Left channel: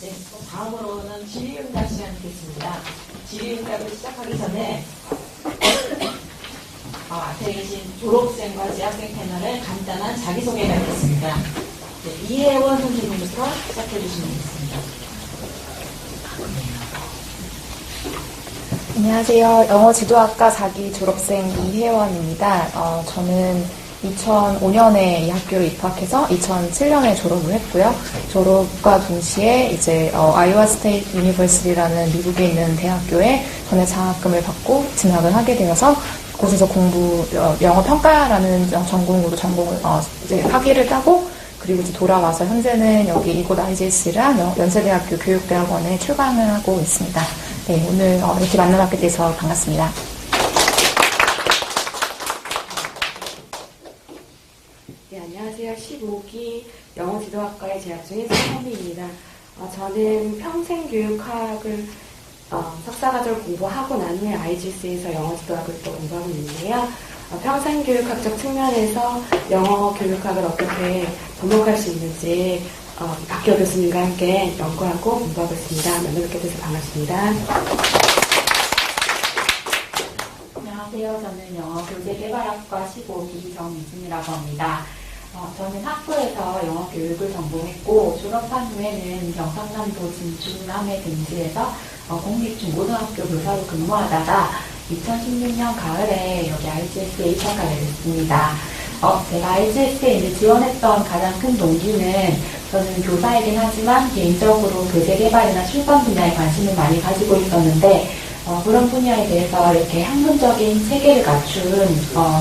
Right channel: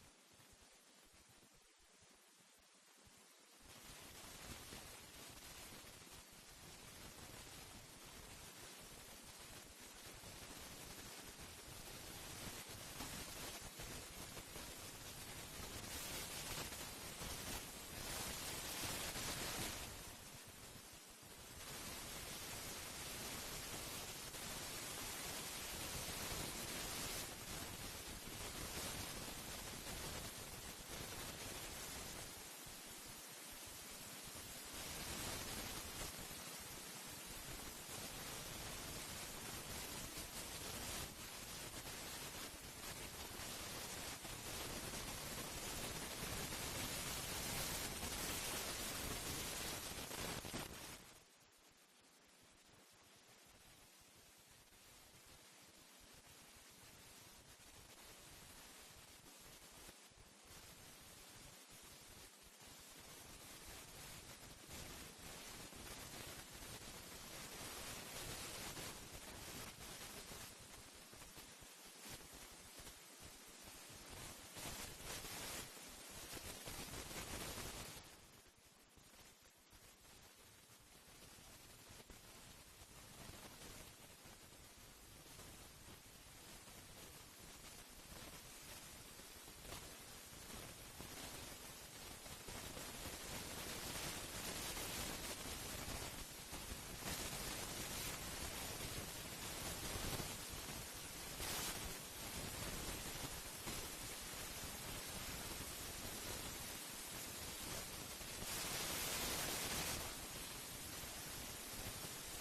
네, 다음으로는 질의응답 시간 듣겠습니다. 질의응답을 시작하기 전에 앞에 계신 졸업생과 재학생 패널의 간단한 자기소개를 하겠습니다. 네, 이혜원 선생님부터 시작해 주시면 되겠습니다. 안녕하세요. 영어지도학과 4기 졸업생 이혜원입니다. 저는 2005년에 이 학교로 입학해서 2007년에 졸업을 했고요. 졸업과 동시에 이제 아이오와 스테이트 유니버시티라는 미국에 있는 대학교에 전액 장학금을 받고 진학을 하게 되어서 그곳에서 영어 평가라는 전공으로 이제 학위를 따고 그리고 이제 돌아와서 현재는 여기 이곳 IGS랑 연세대학교 교육대학원에 출강을 하고 있습니다. 네, 오늘 이렇게 만나뵙게 돼서 반갑습니다. 네, 안녕하세요. 15기 영어지도학과에 재학 중인 서현미입니다. 저는 평생교육학을 석사과정을 공부하고 난 후에 IGS에서 영어지도학을 또 공부하고 있는데요. 평생교육학적 측면에서 영어교육학을 어떻게 접목할 수 있는지 학교 교수님과 함께 연구하고 공부하고 있습니다. 만나뵙게 돼서 반갑습니다. 안녕하세요. 저는 영어교재개발학과 15기 정미진이라고 합니다. 저는 학부에서 영어교육을 전공했고 졸업한 후에는 경상남도 진주남에 등지에서 공립중고등학교 교사로 근무하다가 2016년 가을에 여기 IGS에 입학하게 됐습니다. 제가 IGS에 이제 지원했던 가장 큰 동기는 저는 교사이긴 하지만 개인적으로 교재 개발이나 출판 분야에 관심을 많이 가지고 있었는데 그런 분야에 대해서 이렇게 학문적인 체계를 갖춘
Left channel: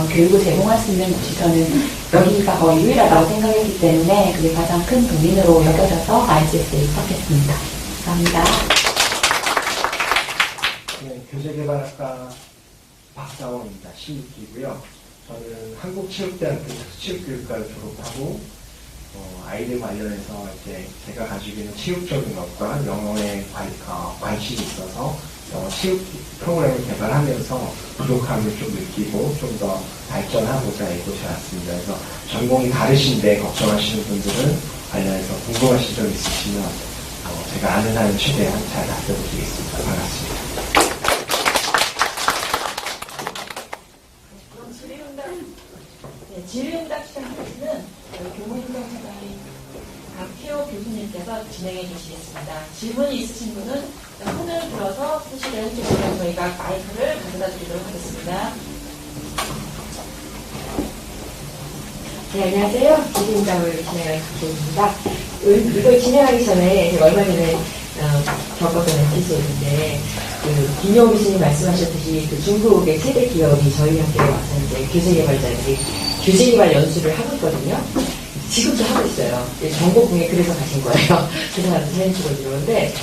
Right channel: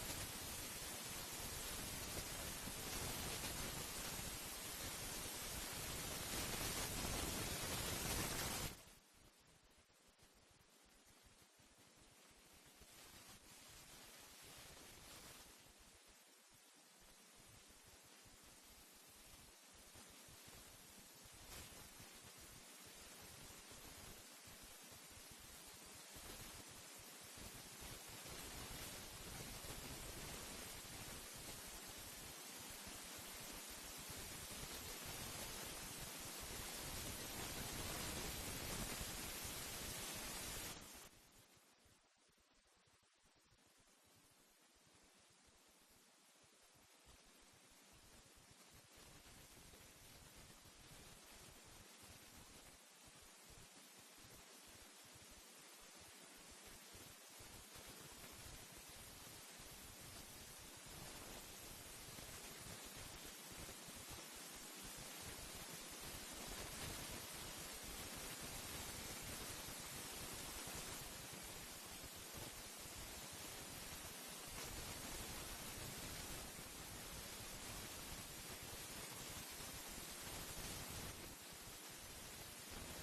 교육을 제공할 수 있는 곳이 저는 여기가 거의 유일하다고 생각했기 때문에 그게 가장 큰 동인으로 여겨져서 IGS에 입학했습니다. 감사합니다. 네, 교재개발학과 박사원입니다. 16기고요. 저는 한국체육대학교 특수체육교육과를 졸업하고 아이들 관련해서 이제 제가 가지고 있는 체육적인 것과 영어에 관심이 있어서 체육 프로그램을 개발하면서 부족함을 좀 느끼고 좀 더 발전하고자 이곳에 왔습니다. 그래서 전공이 다르신데 걱정하시는 분들은 관련해서 궁금하신 점 있으시면 제가 아는 한은 최대한 잘 답변드리겠습니다. 반갑습니다. 그럼 질의응답 시간까지는 교무행정사관의 박혜호 교수님께서 진행해 주시겠습니다. 질문이 있으신 분은 손을 들어서 표시를 해주시면 저희가 마이크를 가져다 드리도록 하겠습니다. 네, 안녕하세요. 질의응답을 진행할 박혜입니다. 이걸 진행하기 전에 제가 얼마 전에 겪었던 에피소드인데 김용우 교수님 말씀하셨듯이 중국의 최대 기업이 저희 학교에 와서 이제 교재개발자들이 교재개발 연수를 하고 있거든요. 지금도 하고 있어요. 전국궁에 그래서 가신 거예요. 그 사람들 사진 찍어주려는데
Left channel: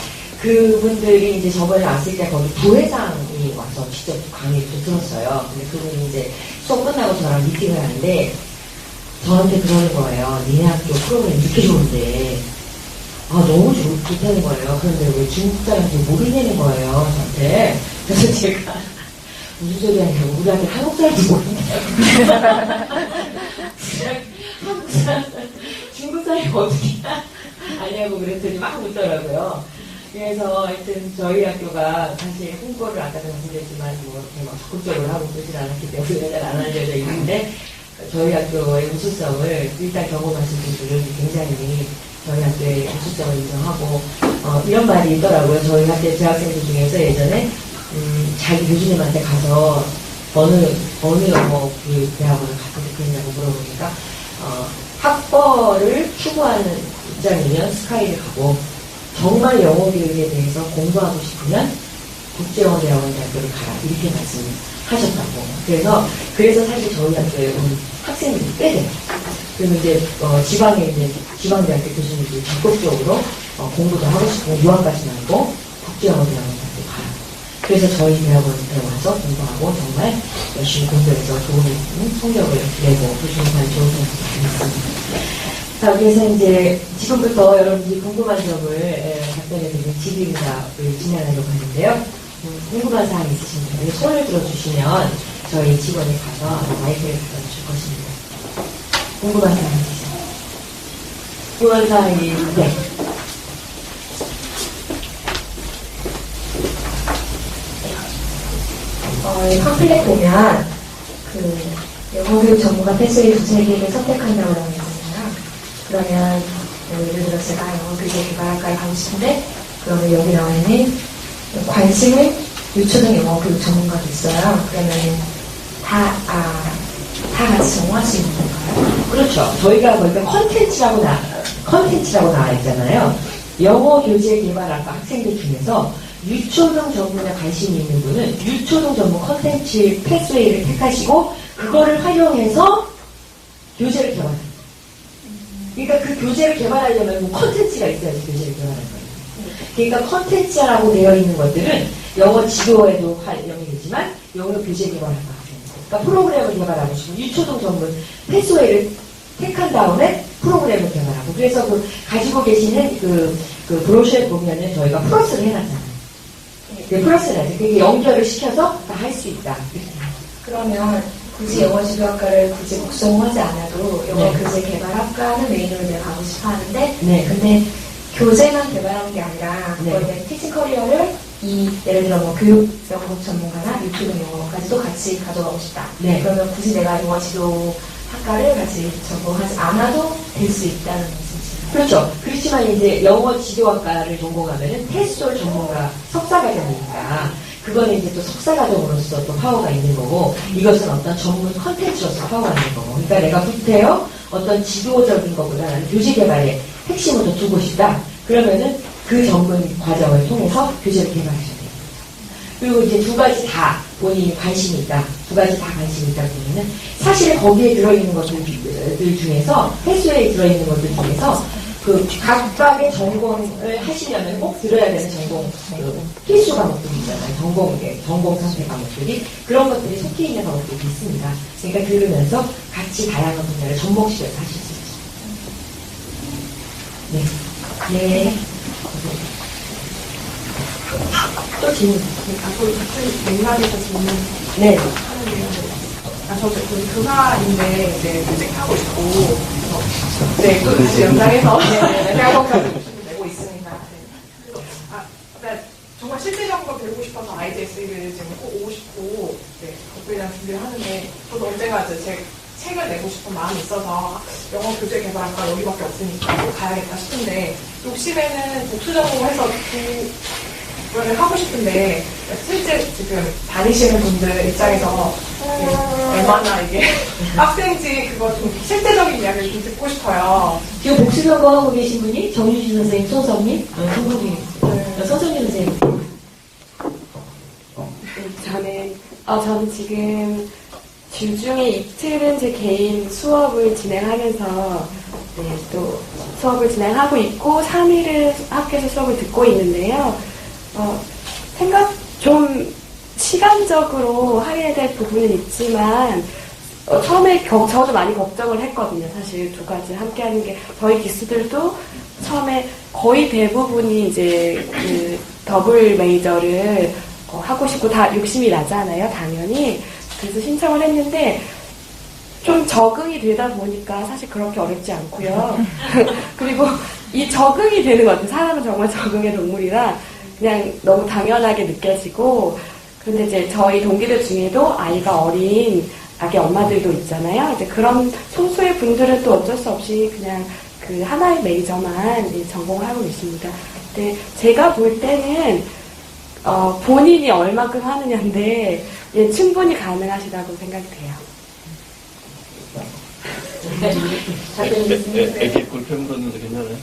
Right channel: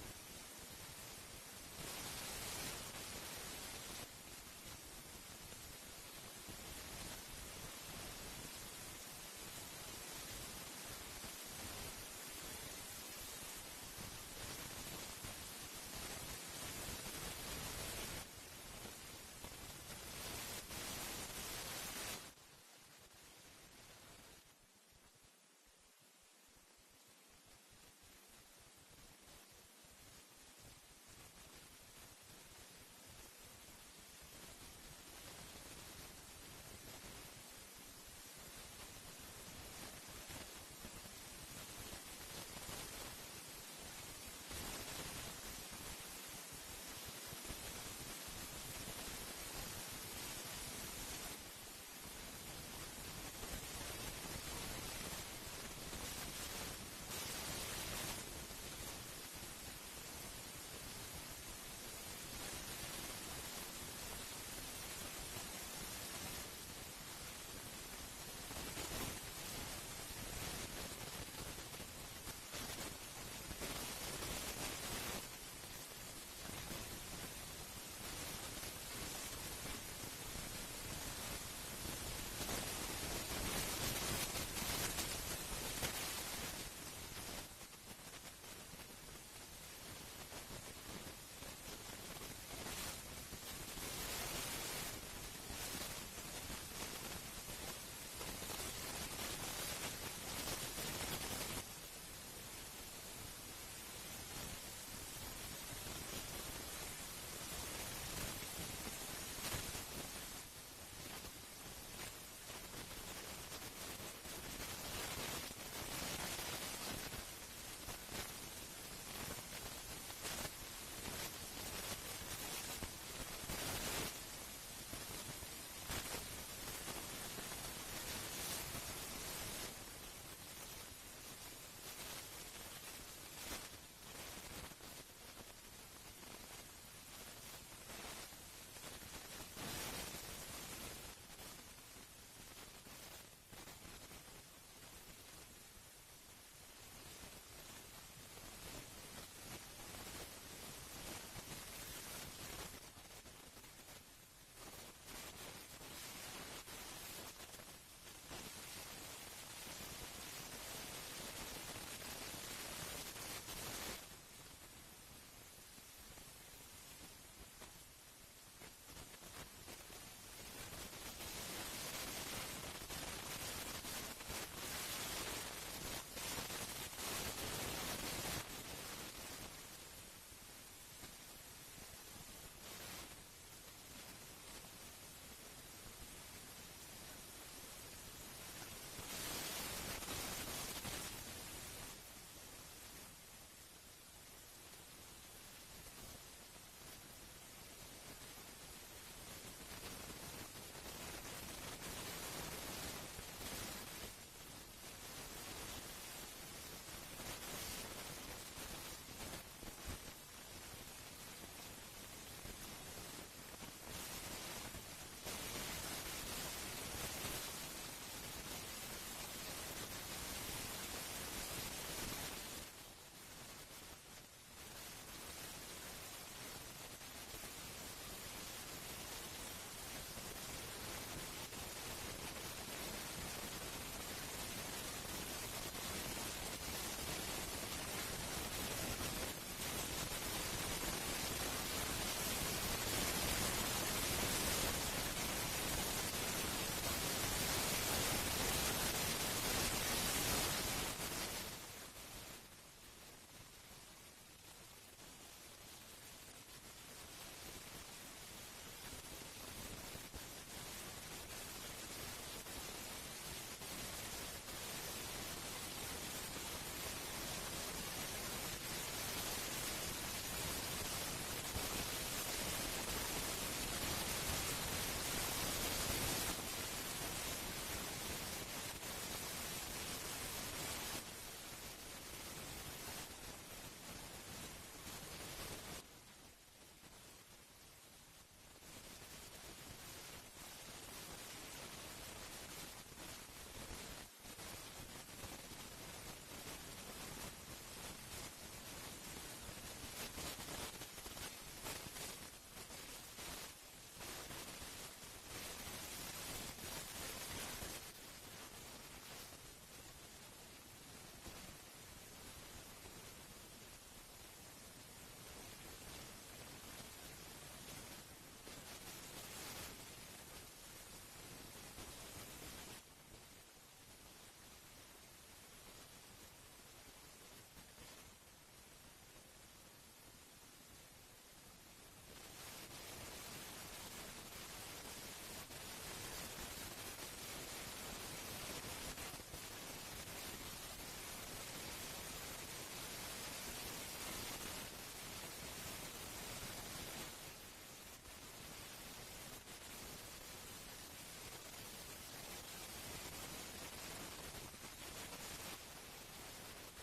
그분들이 이제 저번에 왔을 때 거기 부회장이 와서 직접 강의를 좀 들었어요. 근데 그분이 이제 수업 끝나고 저랑 미팅을 하는데 저한테 그러는 거예요. 니네 학교 프로그램 이렇게 좋은데 너무 좋다는 거예요. 그런데 왜 중국 사람들이 모르겠는 거예요, 저한테. 그래서 제가 무슨 소리 하냐고 우리 아들 한국 사람도 모르냐고 한국 사람 중국 사람이 어떻게 아냐고 그랬더니 막 웃더라고요. 그래서 하여튼 저희 학교가 사실 홍보를 아까도 말씀드렸지만 뭐 이렇게 막 적극적으로 하고 그러진 않았기 때문에 잘 안 알려져 있는데 저희 학교의 우수성을 일단 경험하신 분들은 굉장히 저희 학교의 우수성을 인정하고 이런 말이 있더라고요. 저희 학교 재학생들 중에서 예전에 자기 교수님한테 가서 어느 영어 대학원을 갔을 때 그랬냐고 물어보니까 학벌을 추구하는 입장이면 스카이를 가고 정말 영어 교육에 대해서 공부하고 싶으면 국제영어대학원 대학교를 가라 이렇게 말씀하셨다고. 그래서 사실 저희 학교에 온 학생들이 꽤 돼요. 그리고 이제 지방대학교 교수님들이 적극적으로 공부도 하고 싶고 유학까지 나고 국제영어대학원 대학교 가라. 그래서 저희 대학원에 들어와서 공부하고 정말 열심히 공부해서 좋은 성적을 내고 교수님한테 좋은 성적을 받습니다. 자, 그래서 이제 지금부터 여러분들이 궁금한 점을 답변해드리는 질의응답을 진행하려고 하는데요. 궁금한 사항이 있으신 분들이 손을 들어주시면 저희 직원이 가서 마이크를 갖다 줄 것입니다. 궁금한 사항이 있으세요? 궁금한 사항이, 네. 저희 팜플렛 보면 그 영어교육 전문가 패스웨이 두세 개를 선택한다고 나와 있잖아요. 그러면 예를 들어 제가 영어교육 개발학과에 가고 싶은데 그러면 여기 나와 있는 관심을 유초등 영어교육 전문가도 있어요. 그러면 다 같이 정할 수 있는 건가요? 그렇죠. 저희가 보니까 컨텐츠라고 나와 있잖아요. 영어 교재 개발학과 학생들 중에서 유초등 전문에 관심이 있는 분은 유초등 전문 컨텐츠 패스웨이를 택하시고 그거를 활용해서 교재를 개발합니다. 그러니까 그 교재를 개발하려면 컨텐츠가 있어야지 교재를 개발하는 거예요. 그러니까 컨텐츠라고 되어 있는 것들은 영어 지도에도 활용이 되지만 영어 교재 개발학과 그러니까 프로그램을 개발하고 싶은 유초등 전문 패스웨이를 택한 다음에 프로그램을 개발하고 그래서 그 가지고 계시는 그 브로셔에 보면은 저희가 플러스를 해놨잖아요. 네, 플러스를 하죠. 그게 연결을 시켜서 다 할 수 있다. 그러면 굳이 영어 지도학과를 굳이 복성하지 않아도 영어 네. 교재 개발학과는 메인으로 내가 가고 싶어 하는데 네. 근데 교재만 개발하는 게 아니라 네. 그걸 티칭 커리어를 예를 들어 뭐 교육 영어 전문가나 유튜브 영어까지도 같이 가져가고 싶다. 네. 그러면 굳이 내가 영어 지도 학과를 같이 전공하지 않아도 될 수 있다는 말씀이시죠? 그렇죠. 그렇지만 이제 영어 지도학과를 전공하면은 테스솔 전문가 석사과정이니까 그거는 이제 또 석사과정으로서 또 파워가 있는 거고 이것은 어떤 전문 컨텐츠로서 파워가 있는 거고 그러니까 내가 부태요 어떤 지도적인 것보다 나는 교재 개발에 핵심을 더 두고 싶다. 그러면은 그 전문 과정을 통해서 교재를 개발하셔야 돼요. 그리고 이제 두 가지 다 본인이 관심이 있다. 두 가지 다 관심이 있다 보면은 사실 거기에 들어있는 것들 중에서 패스웨이에 들어있는 것들 중에서 그 각각의 전공을 하시려면 꼭 들어야 되는 전공 필수 과목들이 있잖아요. 전공 선택 과목들이 그런 것들이 속해 있는 과목들이 있습니다. 그러니까 들으면서 같이 다양한 분야를 접목시켜서 하실 수 있습니다. 네. 네. 또 질문. 앞으로 같은 맥락에서 질문 네. 하는데요. 저도 그 교사인데 이제 모직하고 있고, 네, 또 다시 연장해서 대학원까지 내고 있습니다. 네. 그러니까 정말 실질적으로 배우고 싶어서 IGS를 지금 꼭 오고 싶고, 네, 그거에 대한 준비를 하는데, 저도 언젠가 이제 제 책을 내고 싶은 마음이 있어서 영어 교재 개발학과 여기밖에 없으니까 꼭 가야겠다 싶은데, 욕심에는 복수 전공해서 그거를 하고 싶은데 실제 지금 다니시는 분들 입장에서 얼마나 이게 빡센지 그거 좀 실제적인 이야기를 좀 듣고 싶어요. 지금 복수 전공하고 계신 분이 정유진 선생님, 소성님, 송국이 서성민 선생님. 저는 지금 주중에 이틀은 제 개인 수업을 진행하면서 또 수업을 진행하고 있고 3일을 학교에서 수업을 듣고 있는데요. 좀 시간적으로 할애해야 될 부분은 있지만 처음에 저도 많이 걱정을 했거든요. 사실 두 가지 함께 하는 게 저희 기수들도 처음에 거의 대부분이 이제 그 더블 메이저를 하고 싶고 다 욕심이 나잖아요. 당연히. 그래서 신청을 했는데 좀 적응이 되다 보니까 사실 그렇게 어렵지 않고요. 그리고 이 적응이 되는 것 같아요. 사람은 정말 적응의 동물이라 그냥 너무 당연하게 느껴지고 근데 이제 저희 동기들 중에도 아이가 어린 아기 엄마들도 있잖아요. 이제 그런 소수의 분들은 또 어쩔 수 없이 그냥 그 하나의 메이저만 전공을 하고 있습니다. 근데 제가 볼 때는 본인이 얼마큼 하느냐인데 충분히 가능하시다고 생각이 돼요. 애기 불편 불었는데 괜찮아요?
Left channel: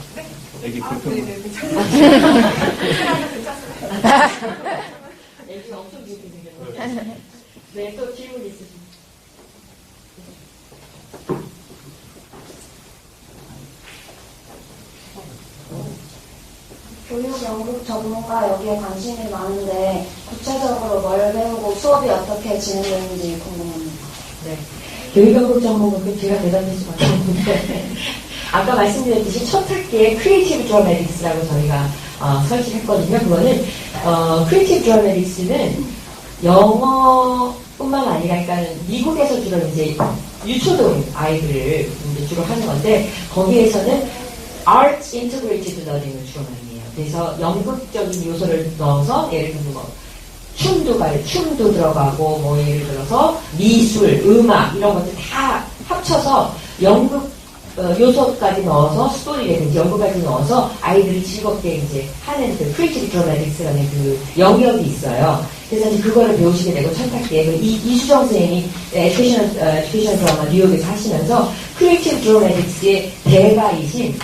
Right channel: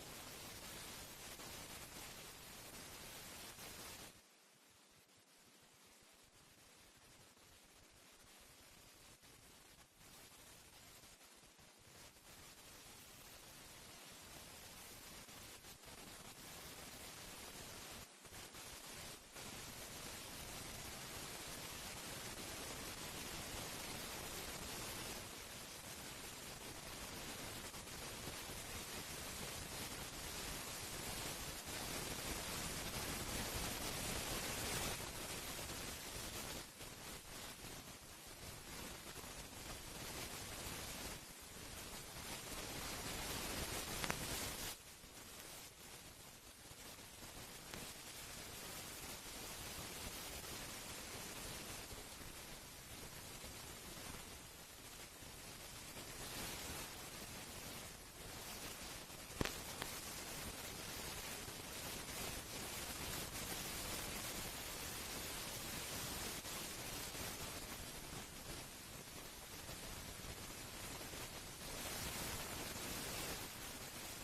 애기 불편 네네, 괜찮습니다. 애기가 엄청 귀엽게 생겼는데. 네, 또 질문 있으십니까? 교육 연구 전문가 여기에 관심이 많은데 구체적으로 뭘 배우고 수업이 어떻게 진행되는지 궁금합니다. 네. 교육연구 전공은 제가 대단히 수밖에 없는데 아까 말씀드렸듯이 첫 학기에 크리에이티브 드라마틱스라고 저희가 설치했거든요. 그거는 크리에이티브 드라마틱스는 영어뿐만 아니라 그러니까 미국에서 주로 이제 유초등 아이들을 이제 주로 하는 건데 거기에서는 Arts Integrated Learning을 주로 많이 해요. 그래서 연극적인 요소를 넣어서 예를 들면 뭐 춤도 들어가고, 뭐, 예를 들어서 미술, 음악, 이런 것들 다 합쳐서 연극, 요소까지 넣어서 스토리라든지 연극까지 넣어서 아이들이 즐겁게 이제 하는 그 크리에이티브 드라마틱스라는 그 영역이 있어요. 그래서 이제 그거를 배우시게 되고 천탁기에 이수정 선생님이 에듀케이션 드라마 뉴욕에서 하시면서 크리에이티브 드라마틱스의 대가이신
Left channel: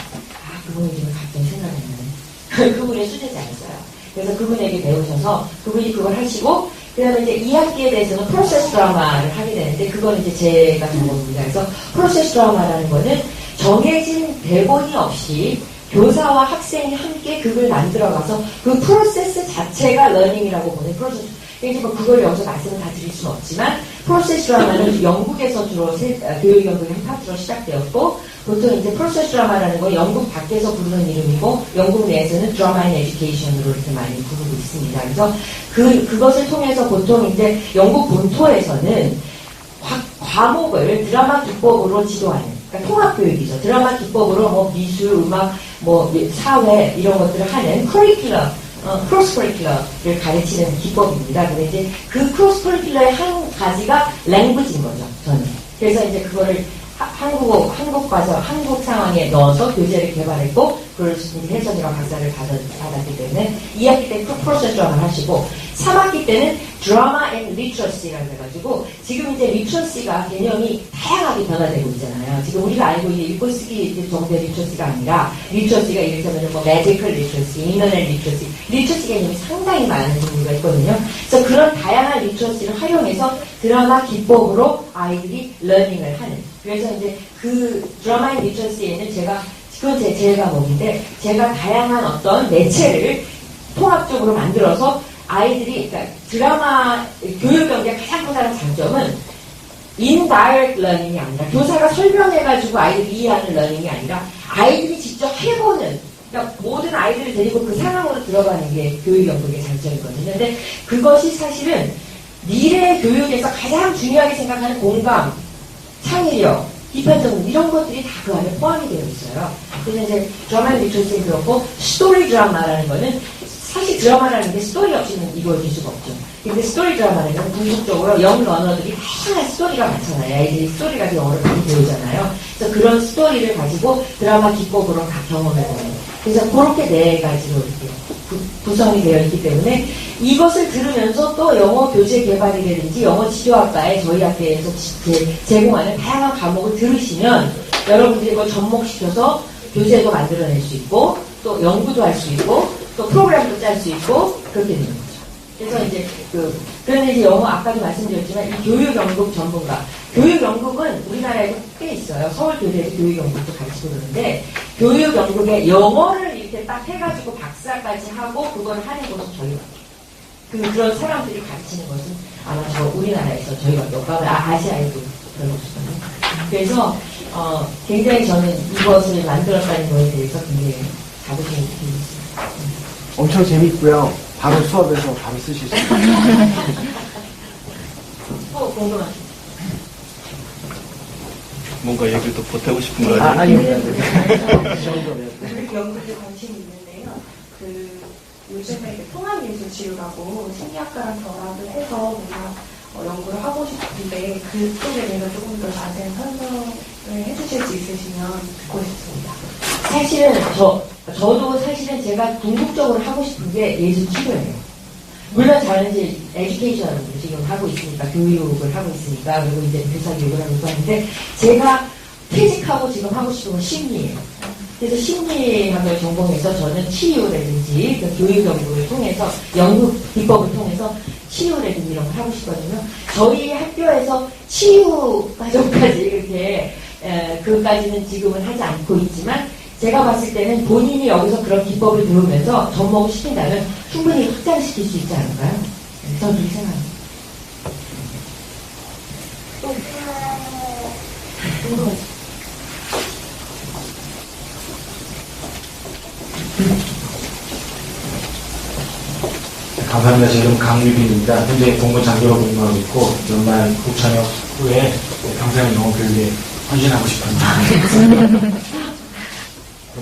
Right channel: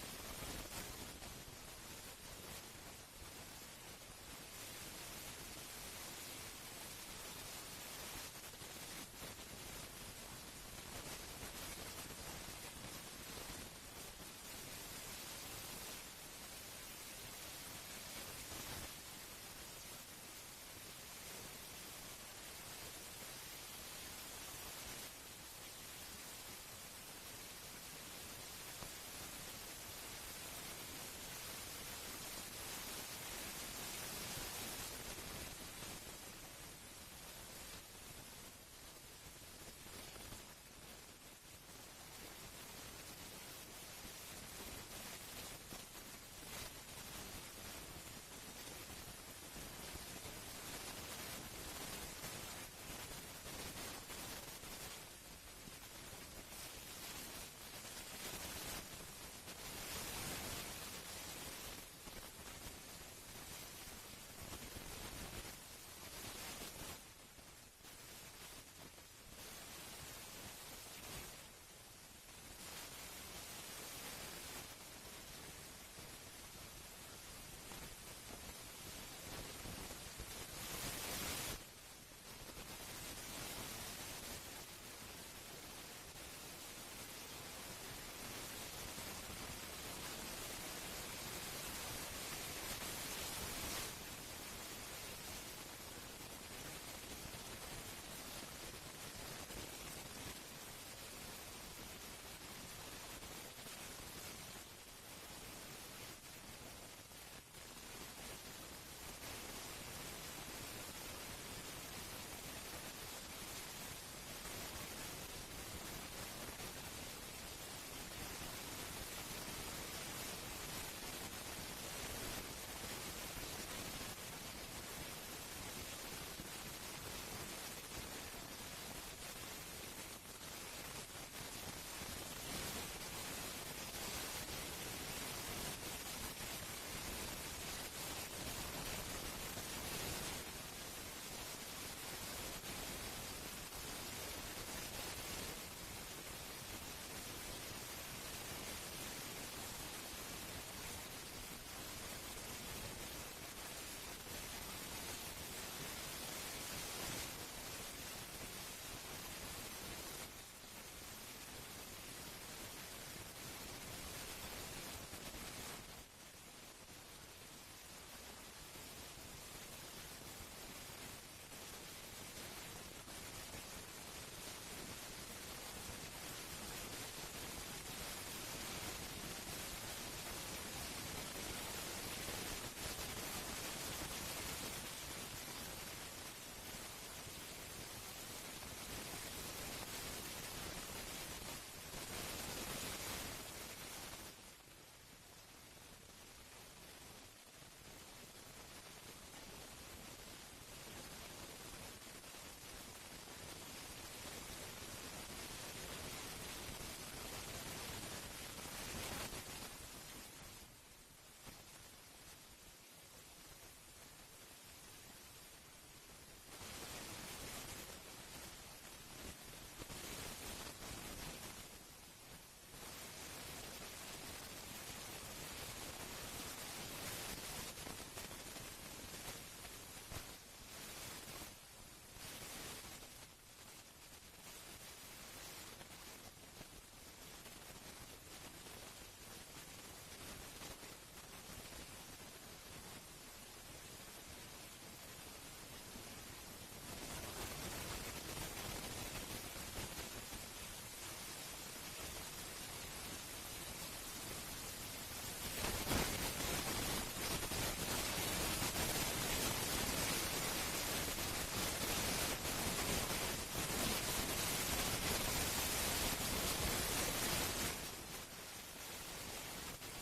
그분이 지금 갑자기 생각나는 그분의 수제자였어요. 그래서 그분에게 배우셔서 그분이 그걸 하시고 그다음에 이제 2학기에 대해서는 프로세스 드라마를 하게 되는데 그거는 이제 제가 전공입니다. 그래서 프로세스 드라마라는 거는 정해진 대본이 없이 교사와 학생이 함께 그걸 만들어가서 그 프로세스 자체가 러닝이라고 보는 프로세스. 그래서 뭐 그걸 여기서 말씀을 다 드릴 수는 없지만 프로세스 드라마는 영국에서 주로 교육 연구의 한 파트로 시작되었고 보통 이제 프로세스 드라마라는 건 영국 밖에서 부르는 이름이고 영국 내에서는 드라마 인 에듀케이션으로 이렇게 많이 부르고 있습니다. 그래서 그것을 통해서 보통 이제 영국 본토에서는 과목을 드라마 기법으로 지도하는 그러니까 통합교육이죠. 드라마 기법으로 뭐 미술, 음악, 뭐 사회 이런 것들을 하는 커리큘럼, 크로스 커리큘럼을 가르치는 기법입니다. 근데 이제 그 크로스 커리큘럼의 한 가지가 랭귀지인 거죠. 저는. 그래서 이제 그거를 한국 상황에 넣어서 교재를 개발했고, 그걸 이제 해석이랑 박사를 받았기 때문에 2학기 때 프로세스 드라마를 하시고, 3학기 때는 드라마 앤 리터러시라고 해가지고, 지금 이제 리터러시가 개념이 다양하게 변화되고 있잖아요. 지금 우리가 알고 있는 읽고 쓰기 정도의 리터러시가 아니라, 리터러시가 예를 들면 뭐 매지컬 리터러시, 인터넷 리터러시 개념이 상당히 많은 종류가 있거든요. 그래서 그런 다양한 리터러시를 활용해서 드라마 기법으로 아이들이 러닝을 하는. 그래서 이제 그 드라마 앤 리터러시에는 그건 제 과목인데, 제가 다양한 어떤 매체를 통합적으로 만들어서 아이들이, 그러니까 드라마, 교육 경기의 가장 큰 장점은 indirect learning이 아니라 교사가 설명해가지고 아이들이 이해하는 learning이 아니라 아이들이 직접 해보는, 그러니까 모든 아이들을 데리고 그 상황으로 들어가는 게 교육 연구의 장점이거든요. 근데 그것이 사실은 미래 교육에서 가장 중요하게 생각하는 공감, 창의력, 비판적 이런 것들이 다 그 안에 포함이 되어 있어요. 그래서 이제 드라마 리터러시는 그렇고 스토리 드라마라는 거는 사실 드라마라는 게 스토리 없이는 이루어질 수가 없죠. 근데 스토리 드라마는 궁극적으로 영 러너들이 다양한 스토리가 많잖아요. 아이들이 스토리 가지고 영어를 많이 배우잖아요. 그래서 그런 스토리를 가지고 드라마 기법으로 다 경험해보는. 그래서 그렇게 네 가지로 이렇게 구성이 되어 있기 때문에 이것을 들으면서 또 영어 교재 개발이라든지 영어 지도학과에 저희 학교에서 제공하는 다양한 과목을 들으시면 여러분들이 그걸 접목시켜서 교재도 만들어낼 수 있고 또 연구도 할 수 있고 또 프로그램도 짤 수 있고 그렇게 되는 거죠. 그래서 이제 그런데 이제 영어 아까도 말씀드렸지만 이 교육 연극 전문가 교육 연극은 우리나라에도 꽤 있어요. 서울 교대에서 교육 연극도 가르치고 그러는데 교육 연극에 영어를 이렇게 딱 해가지고 박사까지 하고 그걸 하는 곳은 저희가 그런 사람들이 가르치는 것은 아마 우리나라에서 저희밖에 없고 아시아에도 별로 없거든요. 그래서 굉장히 저는 이것을 만들었다는 거에 대해서 굉장히 자부심이 있습니다. 엄청 재밌고요. 바로 수업에서 바로 쓰실 수 있어요. 궁금하죠? 뭔가 얘기를 또 보태고 싶은 거 아니에요? 아니요. 그 정도면. 연극에 관심이 있는데요. 요즘에 통합예술 치료라고 심리학과랑 결합을 해서 뭔가 연구를 하고 싶은데 그쪽에 대해서 조금 더 자세한 설명을 해주실 수 있으시면 듣고 싶습니다. 사실은 저도 사실은 제가 궁극적으로 하고 싶은 게 예술 치료예요. 물론 저는 이제 에듀케이션을 지금 하고 있으니까 교육을 하고 있으니까 그리고 이제 교사 교육을 하고 있는데 제가 퇴직하고 지금 하고 싶은 건 심리예요. 그래서 심리학을 전공해서 저는 치유라든지 그 교육 연구를 통해서 연구 비법을 통해서 치유라든지 이런 걸 하고 싶거든요. 저희 학교에서 치유 과정까지 이렇게 그까지는 지금은 하지 않고 있지만 제가 봤을 때는 본인이 여기서 그런 기법을 배우면서 접목을 시킨다면 충분히 확장시킬 수 있지 않을까요? 저는 그렇게 생각합니다. 감사합니다. 제 이름 강유빈입니다. 현재 공무장교로 근무하고 있고 연말 국창역 후에 평생 영어 교육에 헌신하고 싶습니다.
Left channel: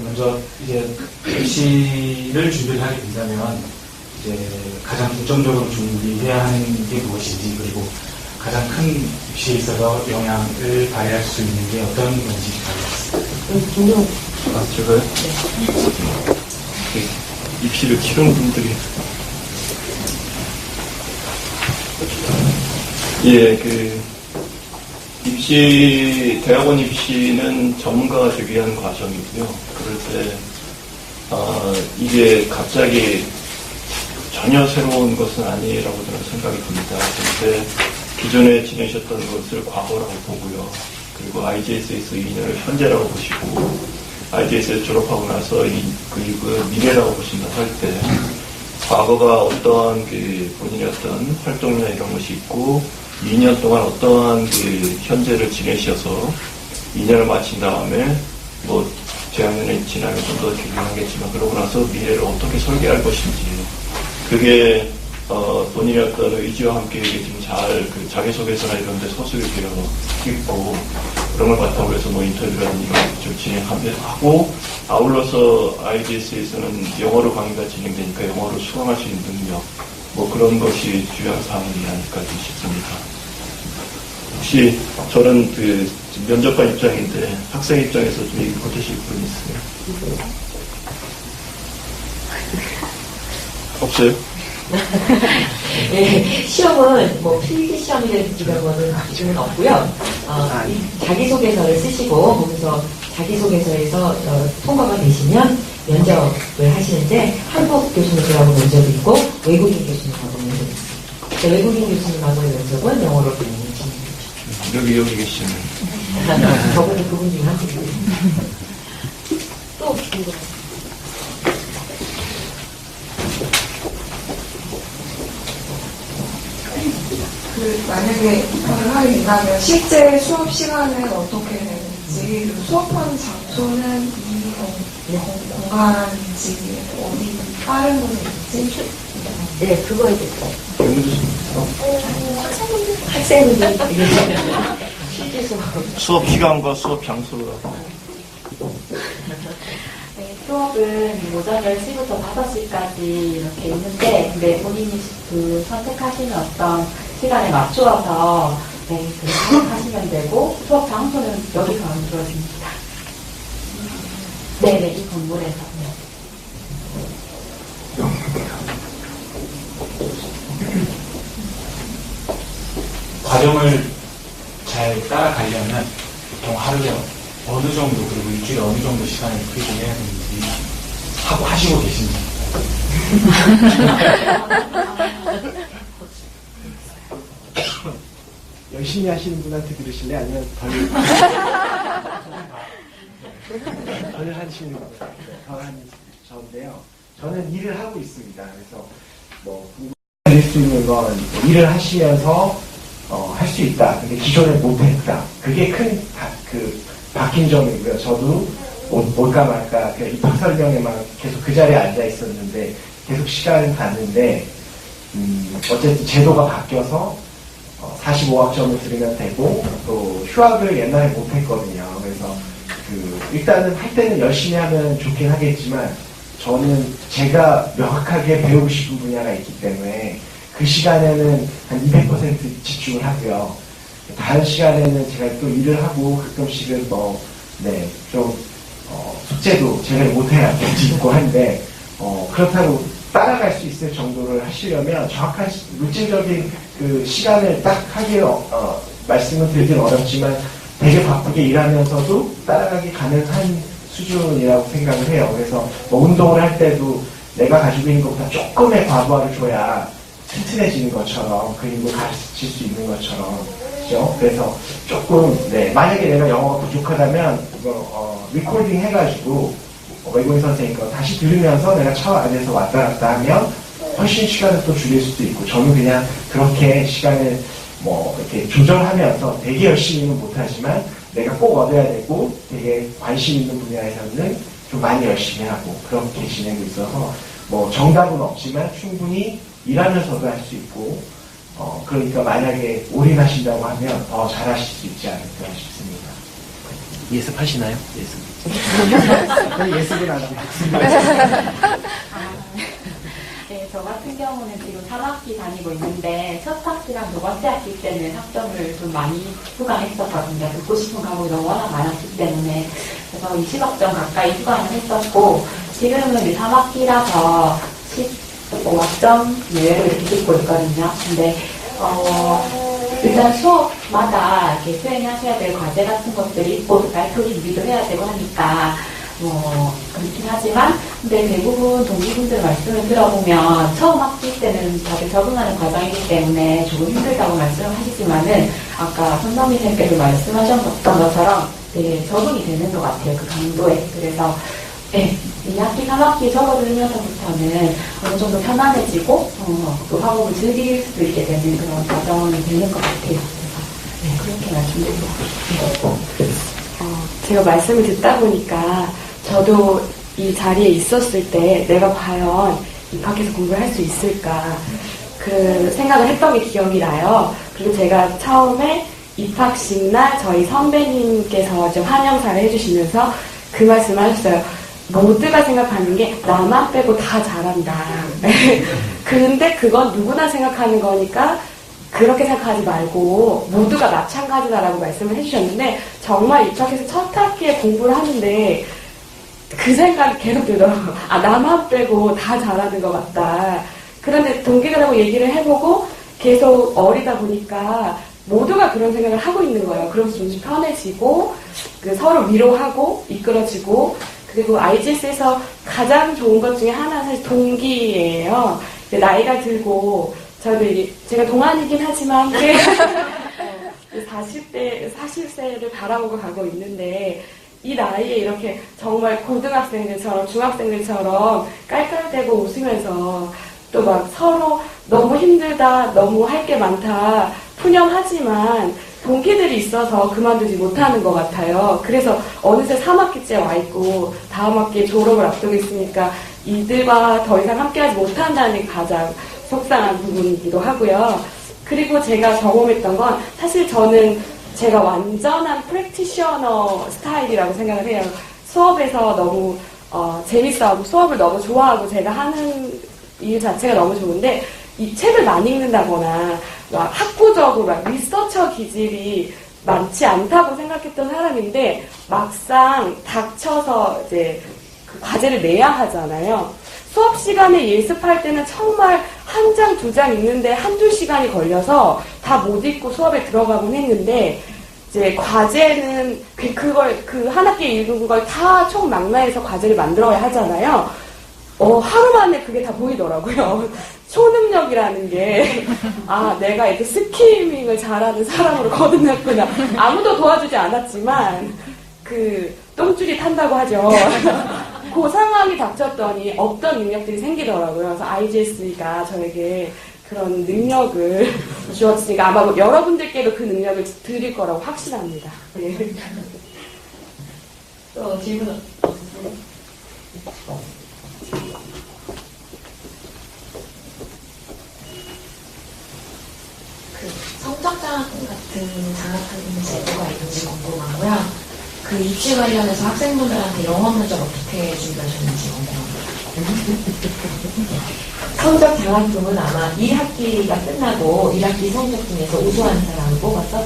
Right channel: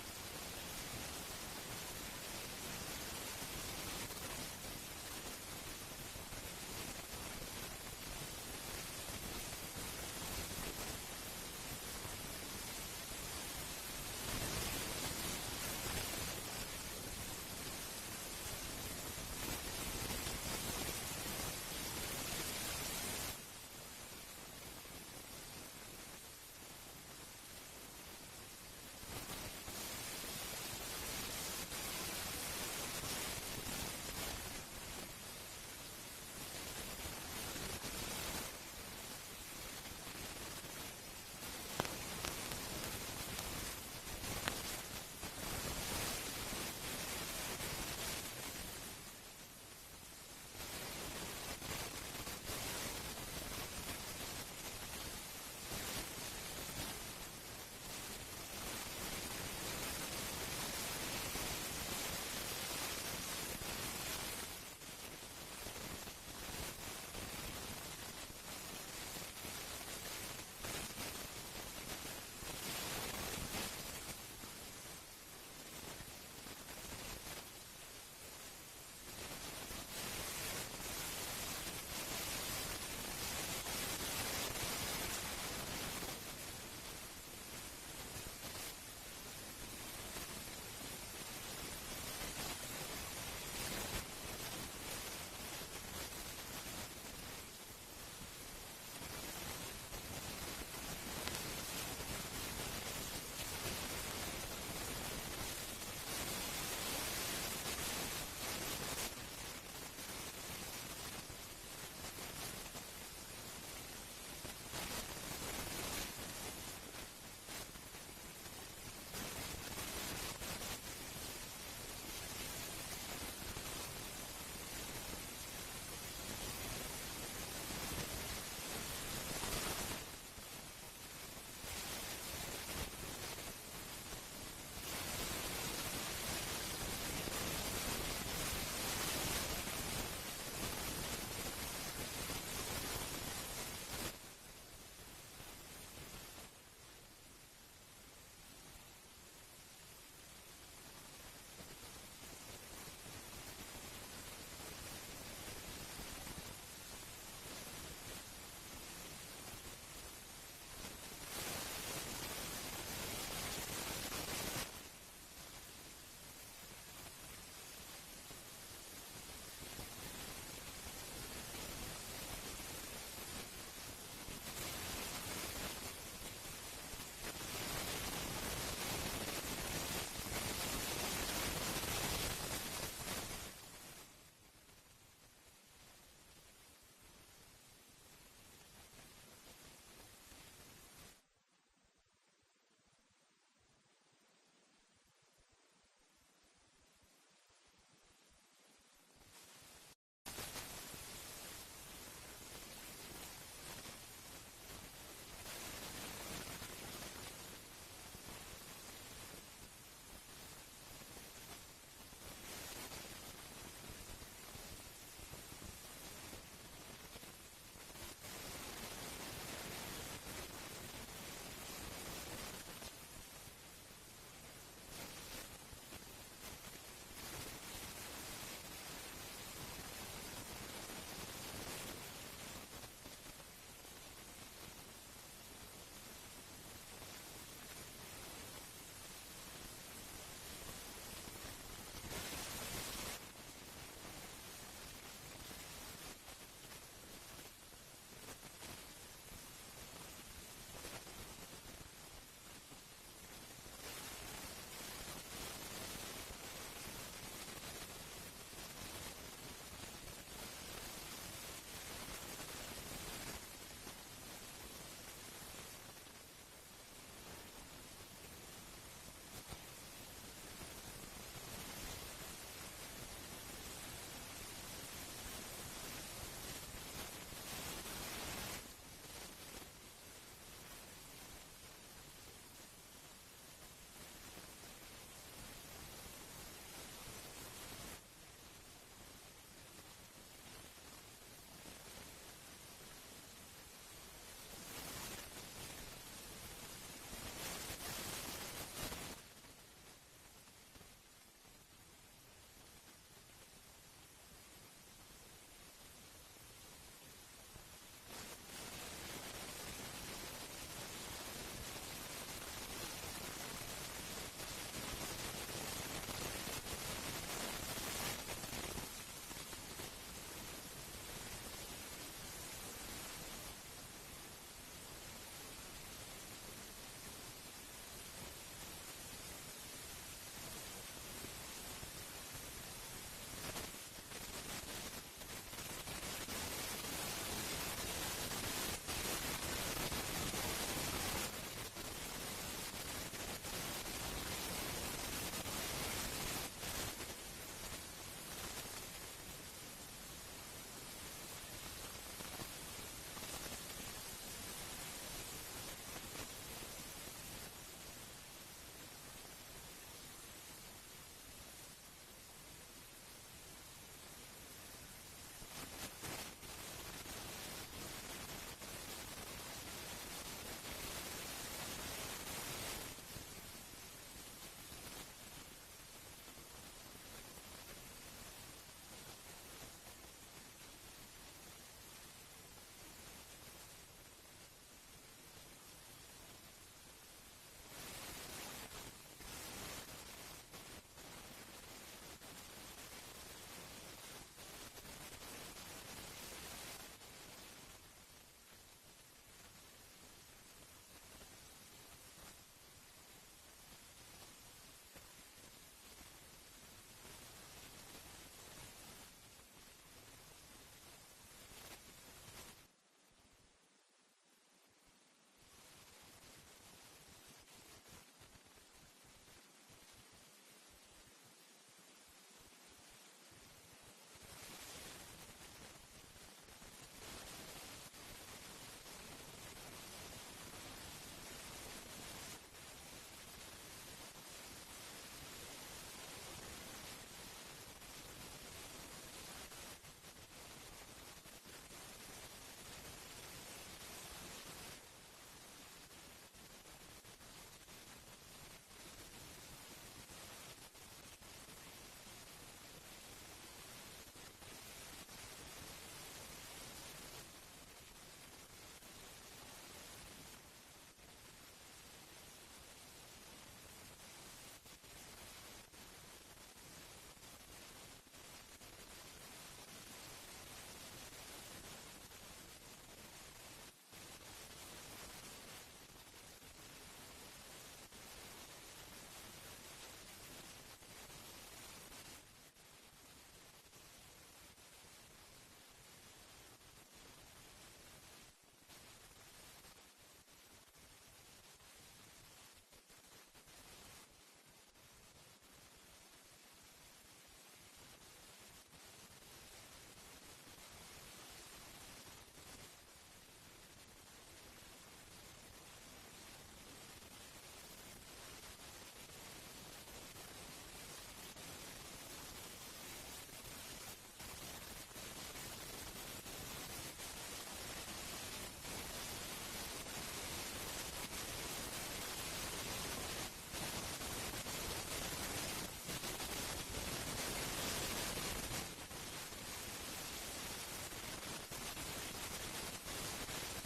먼저 이제 입시를 준비를 하게 된다면 이제 가장 중점적으로 준비해야 하는 게 무엇인지, 그리고 가장 큰 입시에 있어서 영향을 발휘할 수 있는 게 어떤 건지 알겠습니다. 제가요? 입시를 치르는 분들이 대학원 입시는 전문가가 되기 위한 과정이고요. 그럴 때 이게 갑자기 전혀 새로운 것은 아니라고 저는 생각이 듭니다. 그런데 기존에 지내셨던 것을 과거라고 보고요. 그리고 IGS에서 2년을 현재라고 보시고, IGS에서 졸업하고 나서 그 미래라고 보신다고 할 때, 과거가 어떠한 본인의 어떤 활동이나 이런 것이 있고, 2년 동안 어떠한 현재를 지내셔서 2년을 마친 다음에 재학년에 지나면 좀 더 길게 하겠지만, 그러고 나서 미래를 어떻게 설계할 것인지, 그게 본인의 어떤 의지와 함께 이게 지금 잘 자기소개서나 이런 데 서술이 되어 있고, 그런 걸 바탕으로 해서 인터뷰라든지 이런 걸 진행하고, 아울러서 IGS에서는 영어로 강의가 진행되니까 영어로 수강할 수 있는 능력, 그런 것이 중요한 사항이 아닐까 싶습니다. 혹시 저는 면접관 입장인데 학생 입장에서 좀 얘기 보태실 분 있어요? 없어요? 네, 시험은 필기 시험이라든지 이런 거는 기준은 없고요. 자기소개서를 쓰시고 거기서 자기소개서에서 통과가 되시면 면접을 하시는데, 한국 교수님들하고 면접이 있고 외국인 교수님하고 면접이 있어요. 외국인 교수님하고의 면접은 영어로 진행되죠. 여기 계시는 저분은 그분 중에 한 분이에요. 또 궁금해요. 만약에 입학을 하게 된다면 실제 수업 시간은 어떻게 되는지, 그리고 수업하는 장소는 이 공간인지, 어디 다른 곳인지. 네, 그거에 대해서. 학생분들 실제 수업 시간과 수업 장소가 네, 수업은 오전 10시부터 5시까지 이렇게 있는데, 근데 본인이 선택하시는 어떤 시간에 맞추어서 그렇게 하시면 되고, 수업 장소는 여기서 만들어집니다. 네네, 이 건물에서. 과정을 잘 따라가려면 보통 하루에 어느 정도, 그리고 일주일에 어느 정도 시간을 투입해야 되는지 하시고 계십니다. 열심히 하시는 분한테 들으실래? 아니면 덜 하시는 분한테 덜 하는 저인데요. 저는 일을 하고 있습니다. 그래서 할 수 있는 건 일을 하시면서 할 수 있다. 근데 기존에 못했다. 그게 큰 바뀐 점이고요. 저도 뭘까 말까 입학 설명에만 계속 그 자리에 앉아 있었는데 계속 시간을 갔는데 어쨌든 제도가 바뀌어서 45학점을 들으면 되고, 또 휴학을 옛날에 못했거든요. 그래서 일단은 할 때는 열심히 하면 좋긴 하겠지만, 저는 제가 명확하게 배우고 싶은 분야가 있기 때문에 그 시간에는 한 200% 집중을 하고요. 다른 시간에는 제가 또 일을 하고 가끔씩은 숙제도 제가 못해야 있고 한데, 그렇다고 따라갈 수 있을 정도를 하시려면 정확한 물질적인 시간을 딱 하기에 말씀을 드리긴 어렵지만 되게 바쁘게 일하면서도 따라가기 가능한 수준이라고 생각을 해요. 그래서 운동을 할 때도 내가 가지고 있는 것보다 조금의 과부하를 줘야 튼튼해지는 것처럼, 그리고 가르칠 수 있는 것처럼, 그죠? 그래서 조금, 만약에 내가 영어가 부족하다면 리코딩 해가지고 외국인 선생님 거 다시 들으면서 내가 차 안에서 왔다 갔다 하면 훨씬 시간을 또 줄일 수도 있고, 저는 그냥 그렇게 시간을 이렇게 조절하면서 되게 열심히는 못하지만 내가 꼭 얻어야 되고 되게 관심 있는 분야에서는 좀 많이 열심히 하고 그렇게 지내고 있어서 정답은 없지만 충분히 일하면서도 할 수 있고, 그러니까 만약에 올인하신다고 하면 더 잘하실 수 있지 않을까 싶습니다. 예습하시나요? 예습. 예습은 안 하고 있습니다. 네, 저 같은 경우는 지금 3학기 다니고 있는데 첫 학기랑 두 번째 학기 때는 학점을 좀 많이 후강했었거든요. 듣고 싶은 과목이 너무 워낙 많았기 때문에. 그래서 20학점 가까이 후강을 했었고, 지금은 이제 3학기라서 15학점 내외로 이렇게 듣고 있거든요. 근데 일단 수업마다 이렇게 수행하셔야 될 과제 같은 것들이 있고, 발표 준비도 해야 되고 하니까, 그렇긴 하지만, 근데 대부분 동기분들 말씀을 들어보면, 처음 학기 때는 다들 적응하는 과정이기 때문에 조금 힘들다고 말씀을 하시지만은, 아까 선생님께서 말씀하셨던 것처럼 되게 적응이 되는 것 같아요. 그 강도에. 그래서, 네, 2학기, 3학기 접어들면서부터는 어느 정도 편안해지고, 또 학업을 즐길 수도 있게 되는 그런 과정이 되는 것 같아요. 그래서, 네, 그렇게 말씀드리고 싶습니다. 제가 말씀을 듣다 보니까 저도 이 자리에 있었을 때 내가 과연 입학해서 공부를 할 수 있을까 그 생각을 했던 게 기억이 나요. 그리고 제가 처음에 입학식 날 저희 선배님께서 이제 환영사를 해주시면서 그 말씀을 하셨어요. 모두가 생각하는 게 나만 빼고 다 잘한다. 근데 그건 누구나 생각하는 거니까 그렇게 생각하지 말고 모두가 마찬가지다라고 말씀을 해주셨는데 정말 입학해서 첫 학기에 공부를 하는데 그 생각이 계속 들더라고요. 아, 나만 빼고 다 잘하는 것 같다. 그런데 동기들하고 얘기를 해보고 계속 어리다 보니까 모두가 그런 생각을 하고 있는 거예요. 그러면서 좀 편해지고 서로 위로하고 이끌어지고 그리고 IGS에서 가장 좋은 것 중에 하나는 사실 동기예요. 나이가 들고 저도 이게 제가 동안이긴 하지만 40세를 바라보고 가고 있는데 이 나이에 이렇게 정말 고등학생들처럼 중학생들처럼 깔깔대고 웃으면서 또 막 서로 너무 힘들다, 너무 할 게 많다, 푸념하지만 동기들이 있어서 그만두지 못하는 것 같아요. 그래서 어느새 3학기째 와 있고 다음 학기에 졸업을 앞두고 있으니까 이들과 더 이상 함께하지 못한다는 게 가장 속상한 부분이기도 하고요. 그리고 제가 경험했던 건 사실 저는 제가 완전한 프랙티셔너 스타일이라고 생각을 해요. 수업에서 너무 재밌어하고 수업을 너무 좋아하고 제가 하는 일 자체가 너무 좋은데 이 책을 많이 읽는다거나 막 학구적으로 막 리서처 기질이 많지 않다고 생각했던 사람인데 막상 닥쳐서 이제 그 과제를 내야 하잖아요. 수업 시간에 예습할 때는 정말 한 장, 두 장 읽는데 한두 시간이 걸려서 다 못 읽고 수업에 들어가곤 했는데 이제 과제는 그 한 학기 읽은 걸 다 총망라해서 과제를 만들어야 하잖아요. 하루 만에 그게 다 보이더라고요. 초능력이라는 게, 내가 이렇게 스키밍을 잘하는 사람으로 거듭났구나. 아무도 도와주지 않았지만, 똥줄이 탄다고 하죠. 그 상황이 닥쳤더니 없던 능력들이 생기더라고요. 그래서 IGS가 저에게 그런 능력을 주었으니까 아마 여러분들께도 그 능력을 드릴 거라고 확신합니다. 예. 또 질문 없으세요? 성적장학금 같은 장학금 제도가 있는지 궁금하고요. 그 입시 관련해서 학생분들한테 영어 면접 어떻게 준비하셨는지 궁금합니다. 성적 장학금은 아마 1학기가 끝나고 1학기 성적 중에서 우수한 사람을 뽑아서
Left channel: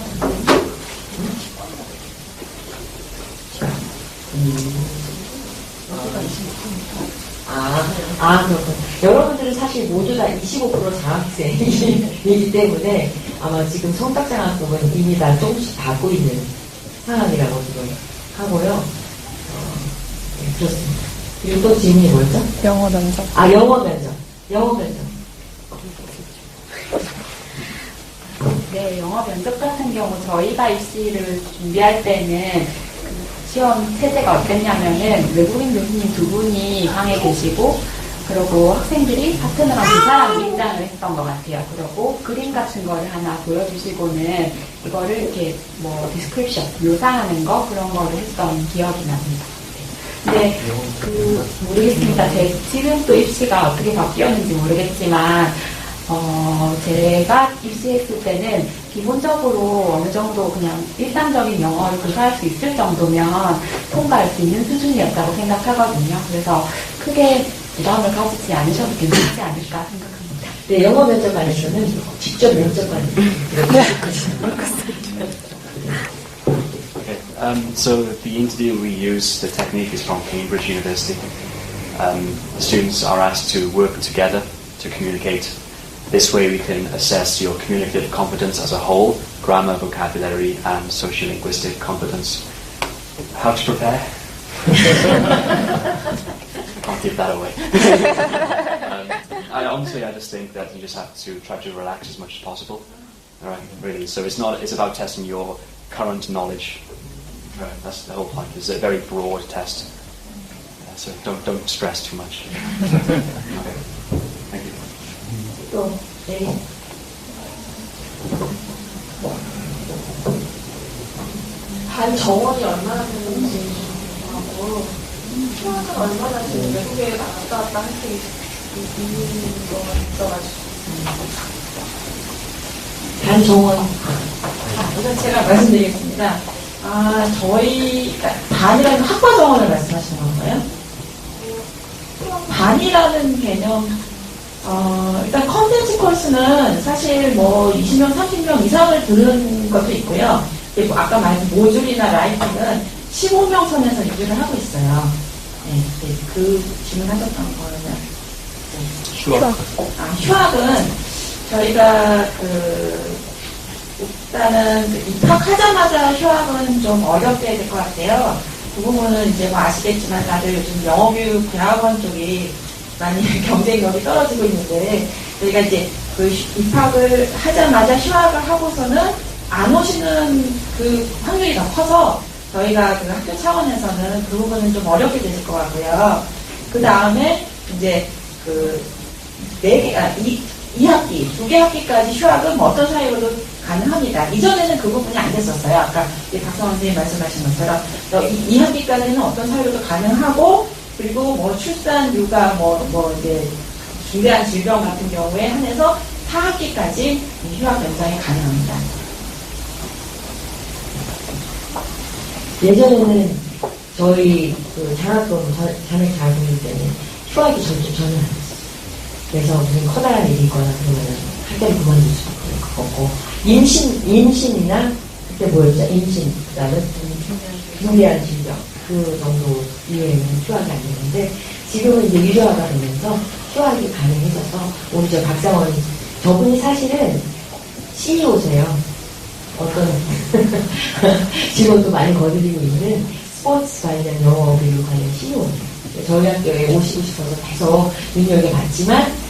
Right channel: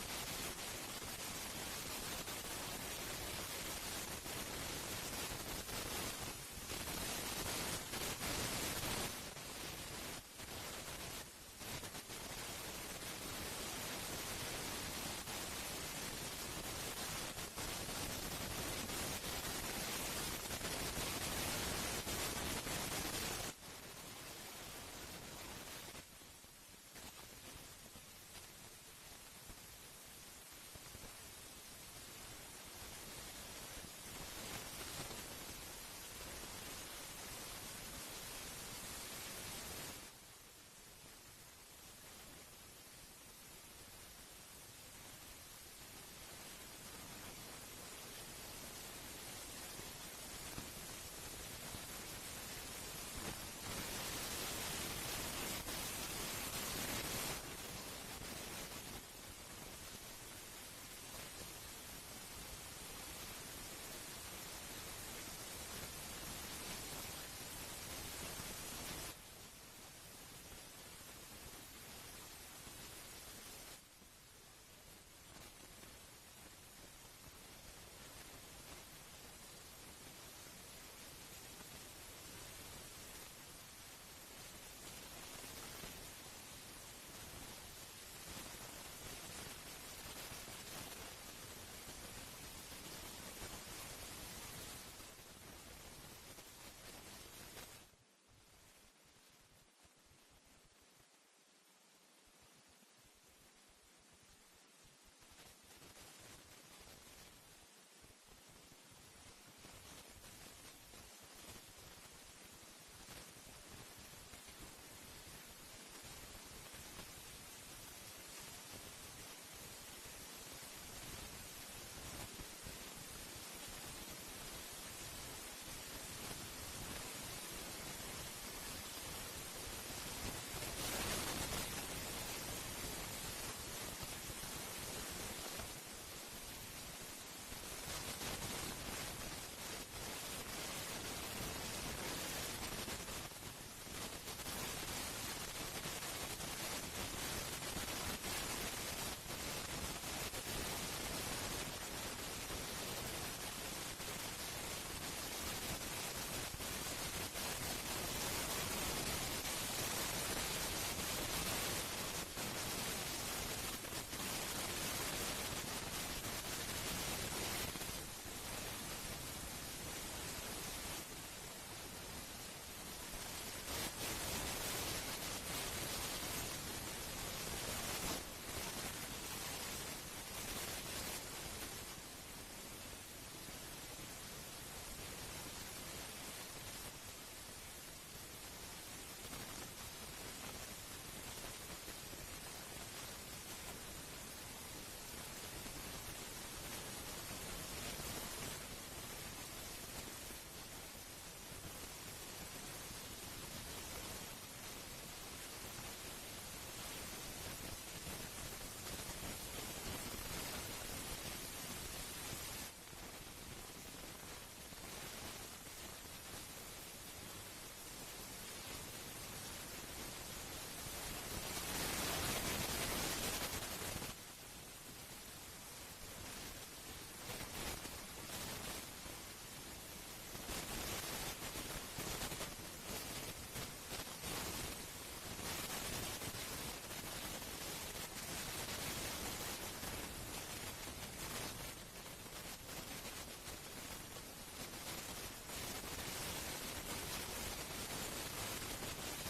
그렇군요. 여러분들은 사실 모두 다 25% 장학생이기 때문에 아마 지금 성적 장학금은 이미 다 조금씩 받고 있는 상황이라고 지금 하고요. 네, 그렇습니다. 그리고 또 질문이 뭐였죠? 영어 면접. 영어 면접. 네, 영어 면접 같은 경우 저희가 입시를 준비할 때는 시험 체제가 어땠냐면은 외국인 교수님 2분이 방에 계시고 그리고 학생들이 파트너랑 2사람 입장을 했던 것 같아요. 그리고 그림 같은 거를 하나 보여주시고는 이거를 이렇게 디스크립션, 묘사하는 거 그런 거를 했던 기억이 납니다. 근데 모르겠습니다. 지금 또 입시가 어떻게 바뀌었는지 모르겠지만 제가 입시했을 때는 기본적으로 어느 정도 그냥 일상적인 영어를 구사할 수 있을 정도면 통과할 수 있는 수준이었다고 생각하거든요. 그래서 크게 부담을 가지지 않으셔도 괜찮지 않을까 생각합니다. 네, 영어 면접관에서는 직접 면접관을 이렇게 하시는 Okay. So the interview we use, the technique is from Cambridge University. Students are asked to work together to communicate. This way we can assess your communicative competence as a whole, grammar, vocabulary, and sociolinguistic competence. How to prepare? Can't give that away. Honestly, I just think that you just have to try to relax as much as possible. All right, really. So it's about testing your current knowledge. Right, that's the whole point. It's a very broad test. So don't stress too much. Okay. Thank you. 또, 네. 반 정원이 얼마나 되는지 하고 휴학은 얼마나 지금 외국에 왔다 갔다 할 수 있는 거가 있어가지고 반정원. 우선 제가 말씀드리겠습니다. 저희 반이라는 학과 정원을 말씀하시는 건가요? 반이라는 개념, 일단 컨텐츠 코र्스는 사실 뭐 20명, 30명 이상을 부르는 것도 있고요. 그리고 아까 말한 모듈이나 라이팅은 15명 선에서 유지를 하고 있어요. 네, 그 질문하셨던 거는. 휴학. 휴학은 저희가 일단은 입학하자마자 휴학은 좀 어렵게 될 것 같아요. 그 부분은 이제 뭐 아시겠지만 다들 요즘 영어교육 대학원 쪽이 많이 경쟁력이 떨어지고 있는데 저희가 이제 그 입학을 하자마자 휴학을 하고서는 안 오시는 그 확률이 더 커서 저희가 그 학교 차원에서는 그 부분은 좀 어렵게 되실 것 같고요. 그 다음에 이제 이 학기, 2개 학기까지 휴학은 뭐 어떤 사유로도 가능합니다. 이전에는 그 부분이 안 됐었어요. 아까 박성원 선생님 말씀하신 것처럼 이 학기까지는 어떤 사유로도 가능하고 그리고 뭐 출산, 육아, 이제 중대한 질병 같은 경우에 한해서 4학기까지 휴학 연장이 가능합니다. 예전에는 저희 장학금 자녀 잘 보낼 때는 휴학이 전혀 안 됐어요. 그래서 무슨 커다란 일이 있거나 그러면 학교를 그만둘 수 없고 임신이나 그때 뭐였죠? 임신 그다음에 중대한 질병 그 정도 이외에는 휴학이 안 되는데 지금은 이제 유료화가 되면서 휴학이 가능해져서 우리 저 박상원 저분이 사실은 CEO세요. 어떤 직원도 많이 거느리고 있는 스포츠 관련 영어 교육 관련 CEO예요. 저희 학교에 오시고 싶어서 계속 눈여겨 봤지만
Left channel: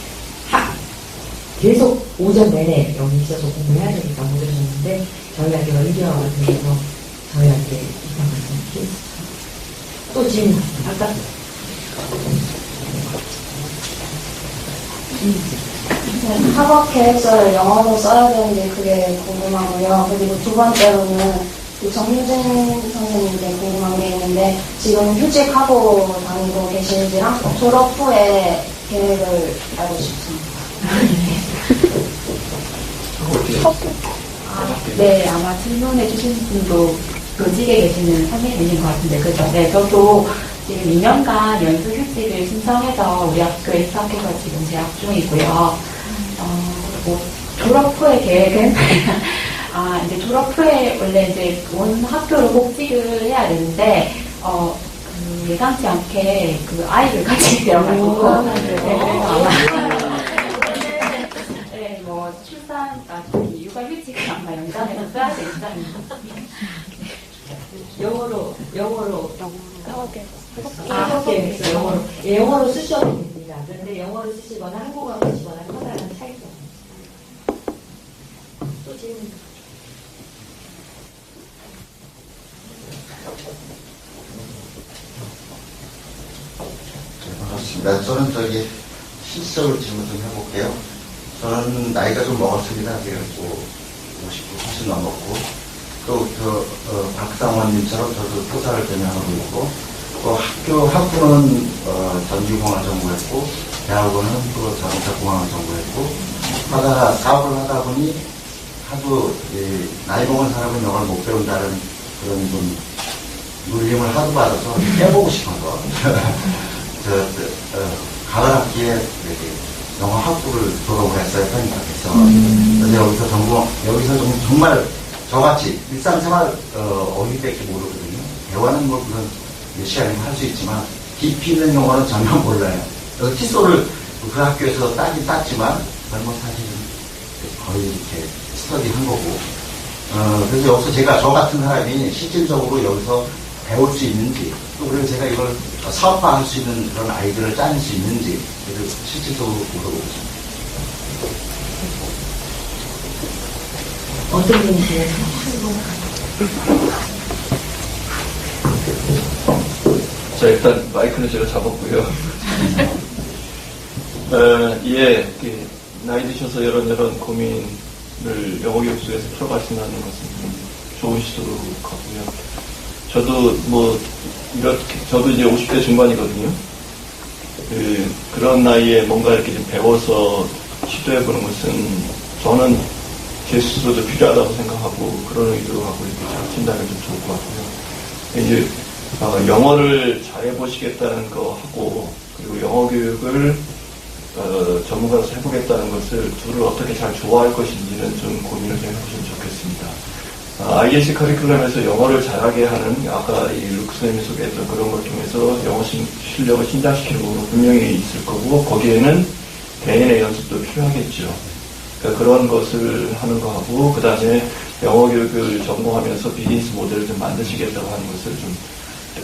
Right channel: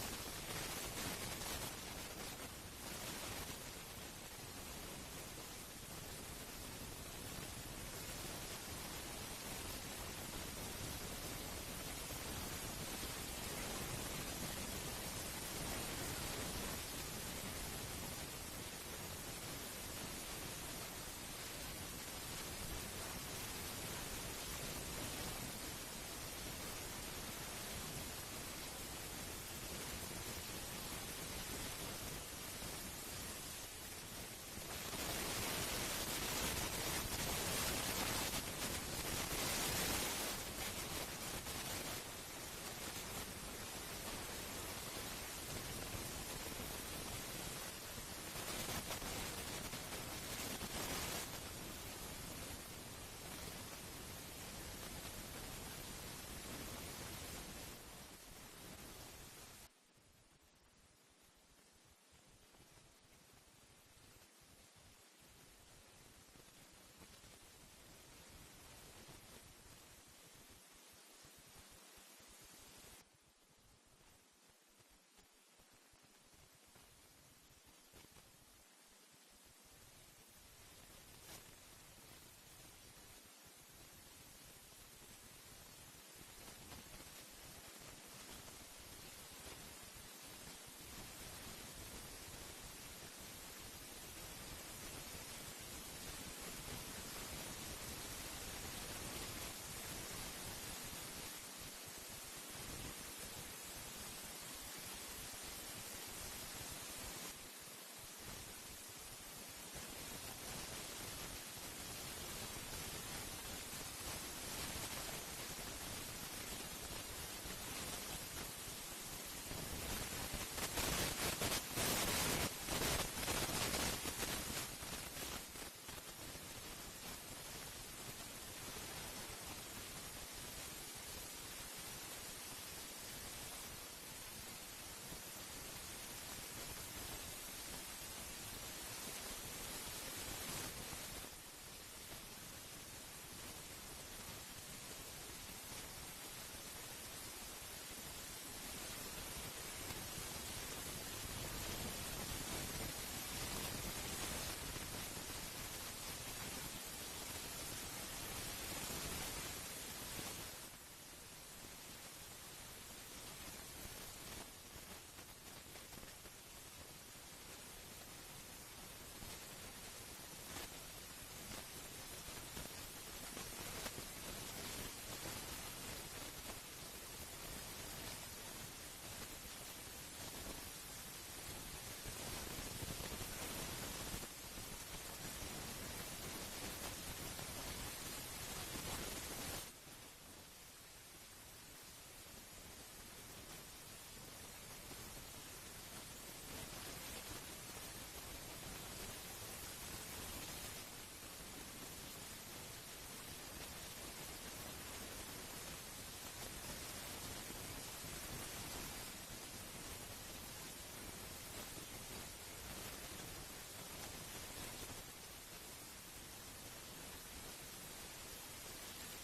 계속 오전 내내 여기 있어서 공부해야 되니까 못 오셨는데 저희 학교가 유료화가 되면서 저희 학교에 입학했던 케이스. 또 질문 아까 학업 계획서를 영어로 써야 되는데 그게 궁금하고요. 그리고 두 번째로는 정유진 선생님께 궁금한 게 있는데 지금 휴직하고 다니고 계신지랑 졸업 후에 계획을 알고 싶습니다. 네, 아마 질문해 주신 분도 교직에 계시는 선생님이신 것 같은데, 그죠? 네, 저도 지금 2년간 연수휴직을 신청해서 우리 학교에 입학해서 지금 재학 중이고요. 졸업 후의 계획은, 이제 졸업 후에 원래 이제 온 학교로 복직을 해야 되는데, 예상치 않게 아이를 가지게 되어가지고, 육아휴직을 아마 연장해서 써야 될 예정입니다. 영어로 영어로. 영어로 쓰셔도 됩니다. 그런데 영어로 쓰시거나 한국어로 쓰시거나 커다란 차이가 없습니다. 또 질문. 반갑습니다. 저는 실질적으로 질문 좀 해볼게요. 저는 나이가 좀 먹었습니다. 그래갖고 50도 훨씬 넘었고 또 박상원님처럼 저도 교사를 전향하고 있고 또 학부는 전기공학을 전공했고 대학원은 또 자동차공학을 전공했고 하다가 사업을 하다 보니 하도 나이 먹은 사람은 영어를 못 배운다는 그런 좀 눌림을 하도 받아서 해보고 싶어서 가을 학기에 영어 학부 학교를 졸업을 했어요, 편입학에서. 그래서 여기서 정말 저같이 일상생활 어휘밖에 모르거든요. 대화는 뭐 그런 몇 시간이면 할 수 있지만 깊이 있는 용어는 전혀 몰라요. 그래서 칫솔을 그 학교에서 따긴 땄지만 그건 사실은 거의 이렇게 스터디한 거고. 그래서 여기서 제가 저 같은 사람이 실질적으로 여기서 배울 수 있는지, 또 그리고 제가 이걸 사업화할 수 있는 그런 아이디어를 짜낼 수 있는지, 그래서 실질적으로 물어보고 있습니다. 어떤 분이세요? 자, 일단 마이크는 제가 잡았고요. 예, 나이 드셔서 이런 고민을 영어 교육 속에서 풀어가신다는 것은 좋은 시도로 가고요. 저도 저도 이제 50대 중반이거든요. 그런 나이에 뭔가 이렇게 좀 배워서 시도해보는 것은 저는 제 스스로도 필요하다고 생각하고 그런 의도로 하고 이렇게 잘 친다면 좀 좋을 것 같고요. 이제 영어를 잘해보시겠다는 거 하고 그리고 영어 교육을 전문가로서 해보겠다는 것을 둘을 어떻게 잘 좋아할 것인지는 좀 고민을 좀 해보시면 좋겠습니다. IEC 커리큘럼에서 영어를 잘하게 하는 아까 이 루크 선생님이 소개했던 그런 걸 통해서 영어 실력을 신장시키는 부분은 분명히 있을 거고 거기에는 개인의 연습도 필요하겠죠. 그러니까 그런 것을 하는 거하고 그 다음에 영어 교육을 전공하면서 비즈니스 모델을 좀 만드시겠다고 하는 것을 좀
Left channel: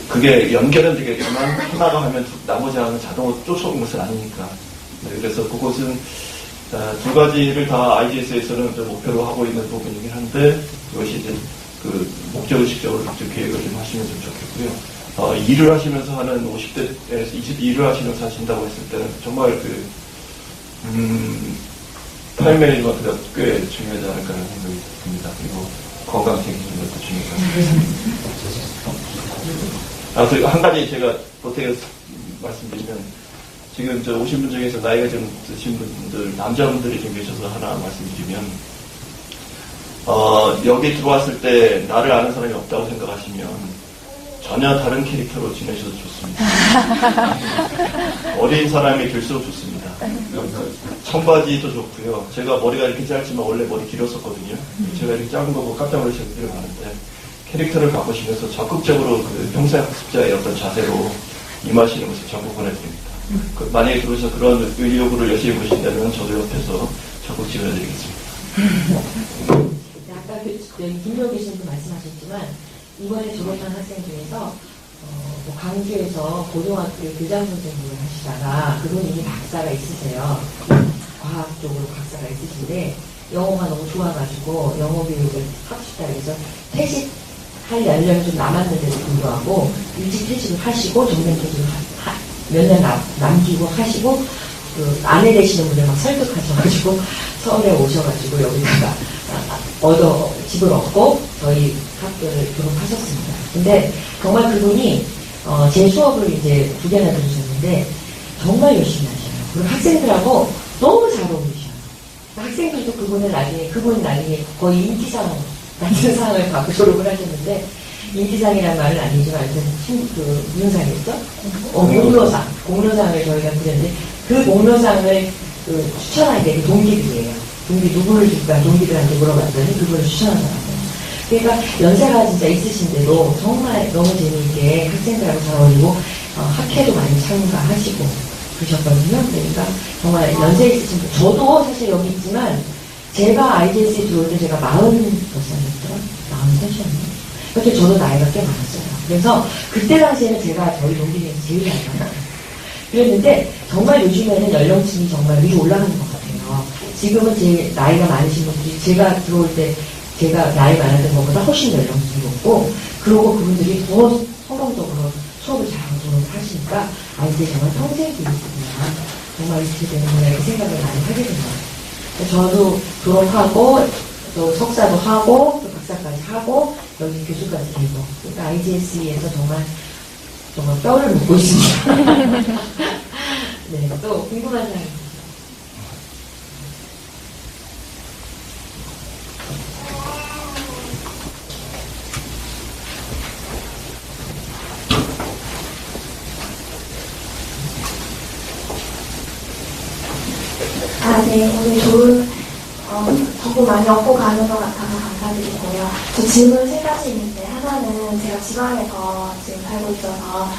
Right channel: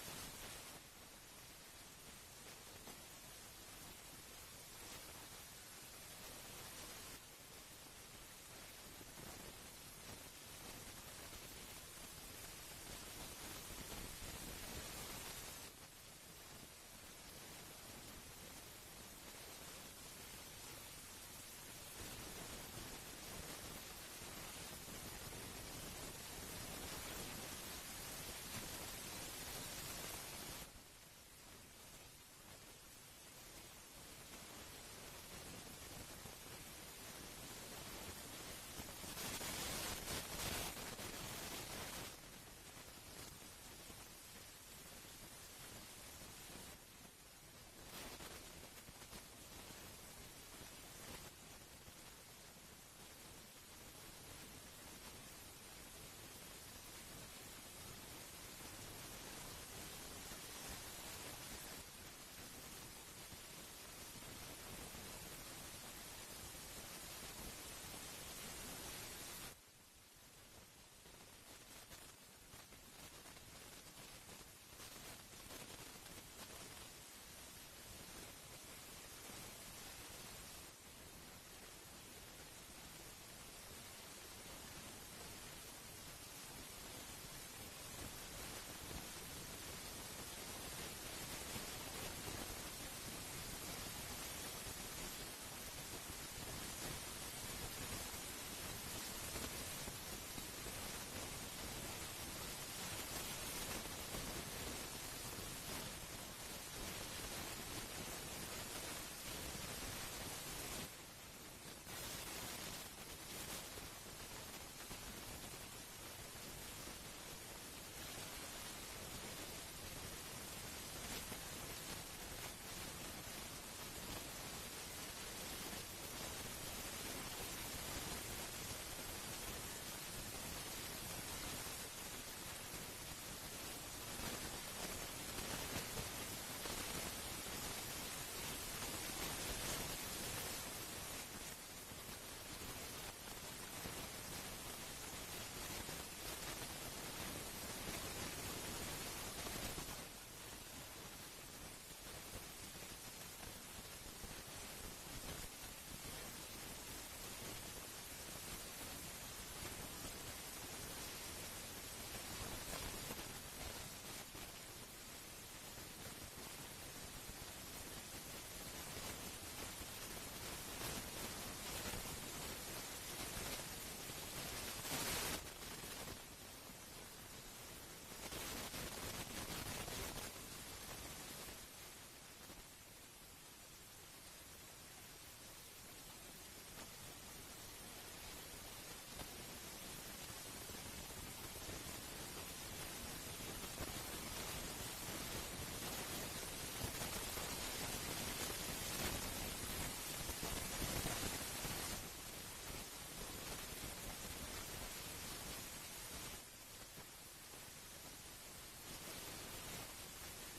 그게 연결은 되겠지만 하나가 하면 나머지 하나는 자동으로 쫓아오는 것은 아니니까. 네, 그래서 그것은 두 가지를 다 IGS에서는 목표로 하고 있는 부분이긴 한데 그것이 이제 그 목적의식적으로 좀 계획을 좀 하시면 좀 좋겠고요. 일을 하시면서 하는 50대에서 22일을 하시면서 하신다고 했을 때는 정말 타임 매니지먼트가 꽤 중요하지 않을까라는 생각이 듭니다. 그리고 건강 챙기는 것도 중요하고. 한 가지 제가 보태서 말씀드리면 지금 오신 분 중에서 나이가 좀 드신 분들, 남자분들이 좀 계셔서 하나 말씀드리면, 여기 들어왔을 때 나를 아는 사람이 없다고 생각하시면 전혀 다른 캐릭터로 지내셔도 좋습니다. 어린 사람이 될수록 좋습니다. 청바지도 좋고요. 제가 머리가 이렇게 짧지만 원래 머리 길었었거든요. 제가 이렇게 작은 거 보고 깜짝 놀라시는 분들이 많은데 캐릭터를 바꾸시면서 적극적으로 그 평사학습자의 어떤 자세로 임하시는 것을 전부 보내드립니다. 만약에 들어오셔서 그런 의욕을 열심히 보신다면 저도 옆에서 적극 지원해드리겠습니다. 아까 김명 교수님도 말씀하셨지만 이번에 졸업한 학생 중에서 광주에서 고등학교 교장 선생님을 하시다가 그분 이미 박사가 있으세요. 과학 쪽으로 박사가 있으신데 영어가 너무 좋아가지고 영어 교육을 하고 싶다 해서 퇴직할 연령이 좀 남았는데도 불구하고 일찍 퇴직을 하시고 정년퇴직을 몇 년 남기고 하시고 그 아내 되시는 분들 막 설득하셔가지고 서울에 오셔가지고 여기다가 집을 얻고 저희 학교를 졸업하셨습니다. 근데 정말 그분이 제 수업을 이제 2개나 들으셨는데 정말 열심히 하셔요. 그리고 학생들하고 너무 잘 어울리셔요. 학생들도 그분은 나중에 거의 인기상 같은 상을 받고 졸업을 하셨는데 인기상이라는 말은 아니지만 무슨 상이었죠? 공로상을 저희가 드렸는데 그 공로상을 추천하게 동기들이에요. 동기 누구를 줄까 동기들한테 물어봤더니 그걸 추천하더라고요. 그러니까 연세가 진짜 있으신데도 정말 너무 재미있게 학생들하고 잘 어울리고 학회도 많이 참가하시고 그러셨거든요. 그러니까 정말 연세 있으신 분, 저도 사실 여기 있지만 제가 IGS에 들어올 때 제가 40살이었더라? 43이었나? 그때 저도 나이가 꽤 많았어요. 그래서 그때 당시에는 제가 저희 동기 중에서 제일 많았어요. 그랬는데 정말 요즘에는 연령층이 정말 위로 올라가는 것 같아요. 지금은 제 나이가 많으신 분들이 제가 들어올 때 제가 나이 많았던 것보다 훨씬 연령층이 높고 그러고 그분들이 더 성공적으로 수업을 잘하고 졸업을 하시니까 이제 정말 평생 교육이구나. 정말 이렇게 되는구나 이렇게 생각을 많이 하게 된 것 같아요. 저도 졸업하고 또 석사도 하고 또 박사까지 하고 여기 교수까지 되고 그러니까 IGS에서 정말 뼈를 묻고 있습니다. 네, 또 궁금한 사항이 네, 오늘 좋은 정보 많이 얻고 가는 것 같아서 감사드리고요. 저 질문 3가지 있는데, 하나는 제가 지방에서 지금 살고 있어서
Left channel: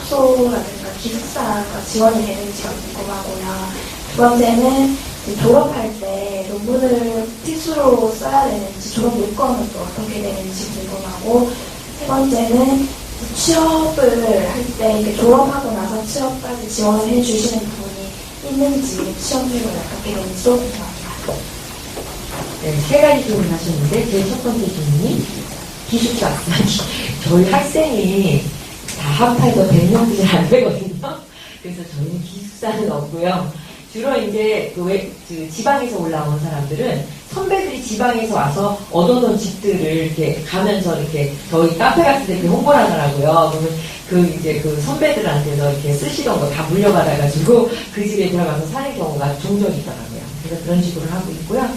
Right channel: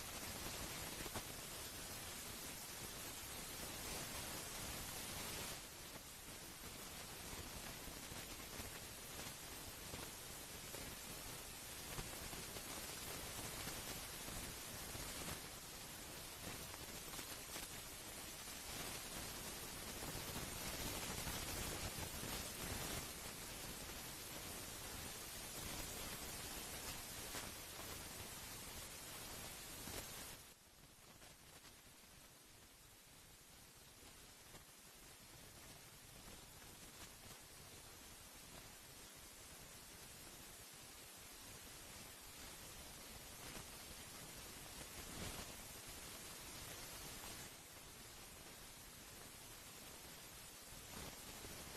숙소라든가 기숙사가 지원이 되는지가 궁금하고요. 두 번째는 졸업할 때 논문을 필수로 써야 되는지, 졸업 요건은 또 어떻게 되는지 궁금하고, 세 번째는 취업을 할 때 졸업하고 나서 취업까지 지원을 해주시는 부분이 있는지, 취업률을 어떻게 되는지도 궁금합니다. 네, 3가지 질문하셨는데 제일 첫 번째 질문이 기숙사. 저희 학생이 다 합해서 100명도 잘 안 되거든요. 그래서 저희는 기숙사는 없고요. 주로 이제 그 지방에서 올라온 사람들은 선배들이 지방에서 와서 얻어놓은 집들을 이렇게 가면서 이렇게 저희 카페 같은 데 이렇게 홍보를 하더라고요. 그러면 이제 그 선배들한테서 이렇게 쓰시던 거 다 물려받아가지고 그 집에 들어가서 사는 경우가 종종 있더라고요. 그래서 그런 식으로 하고 있고요.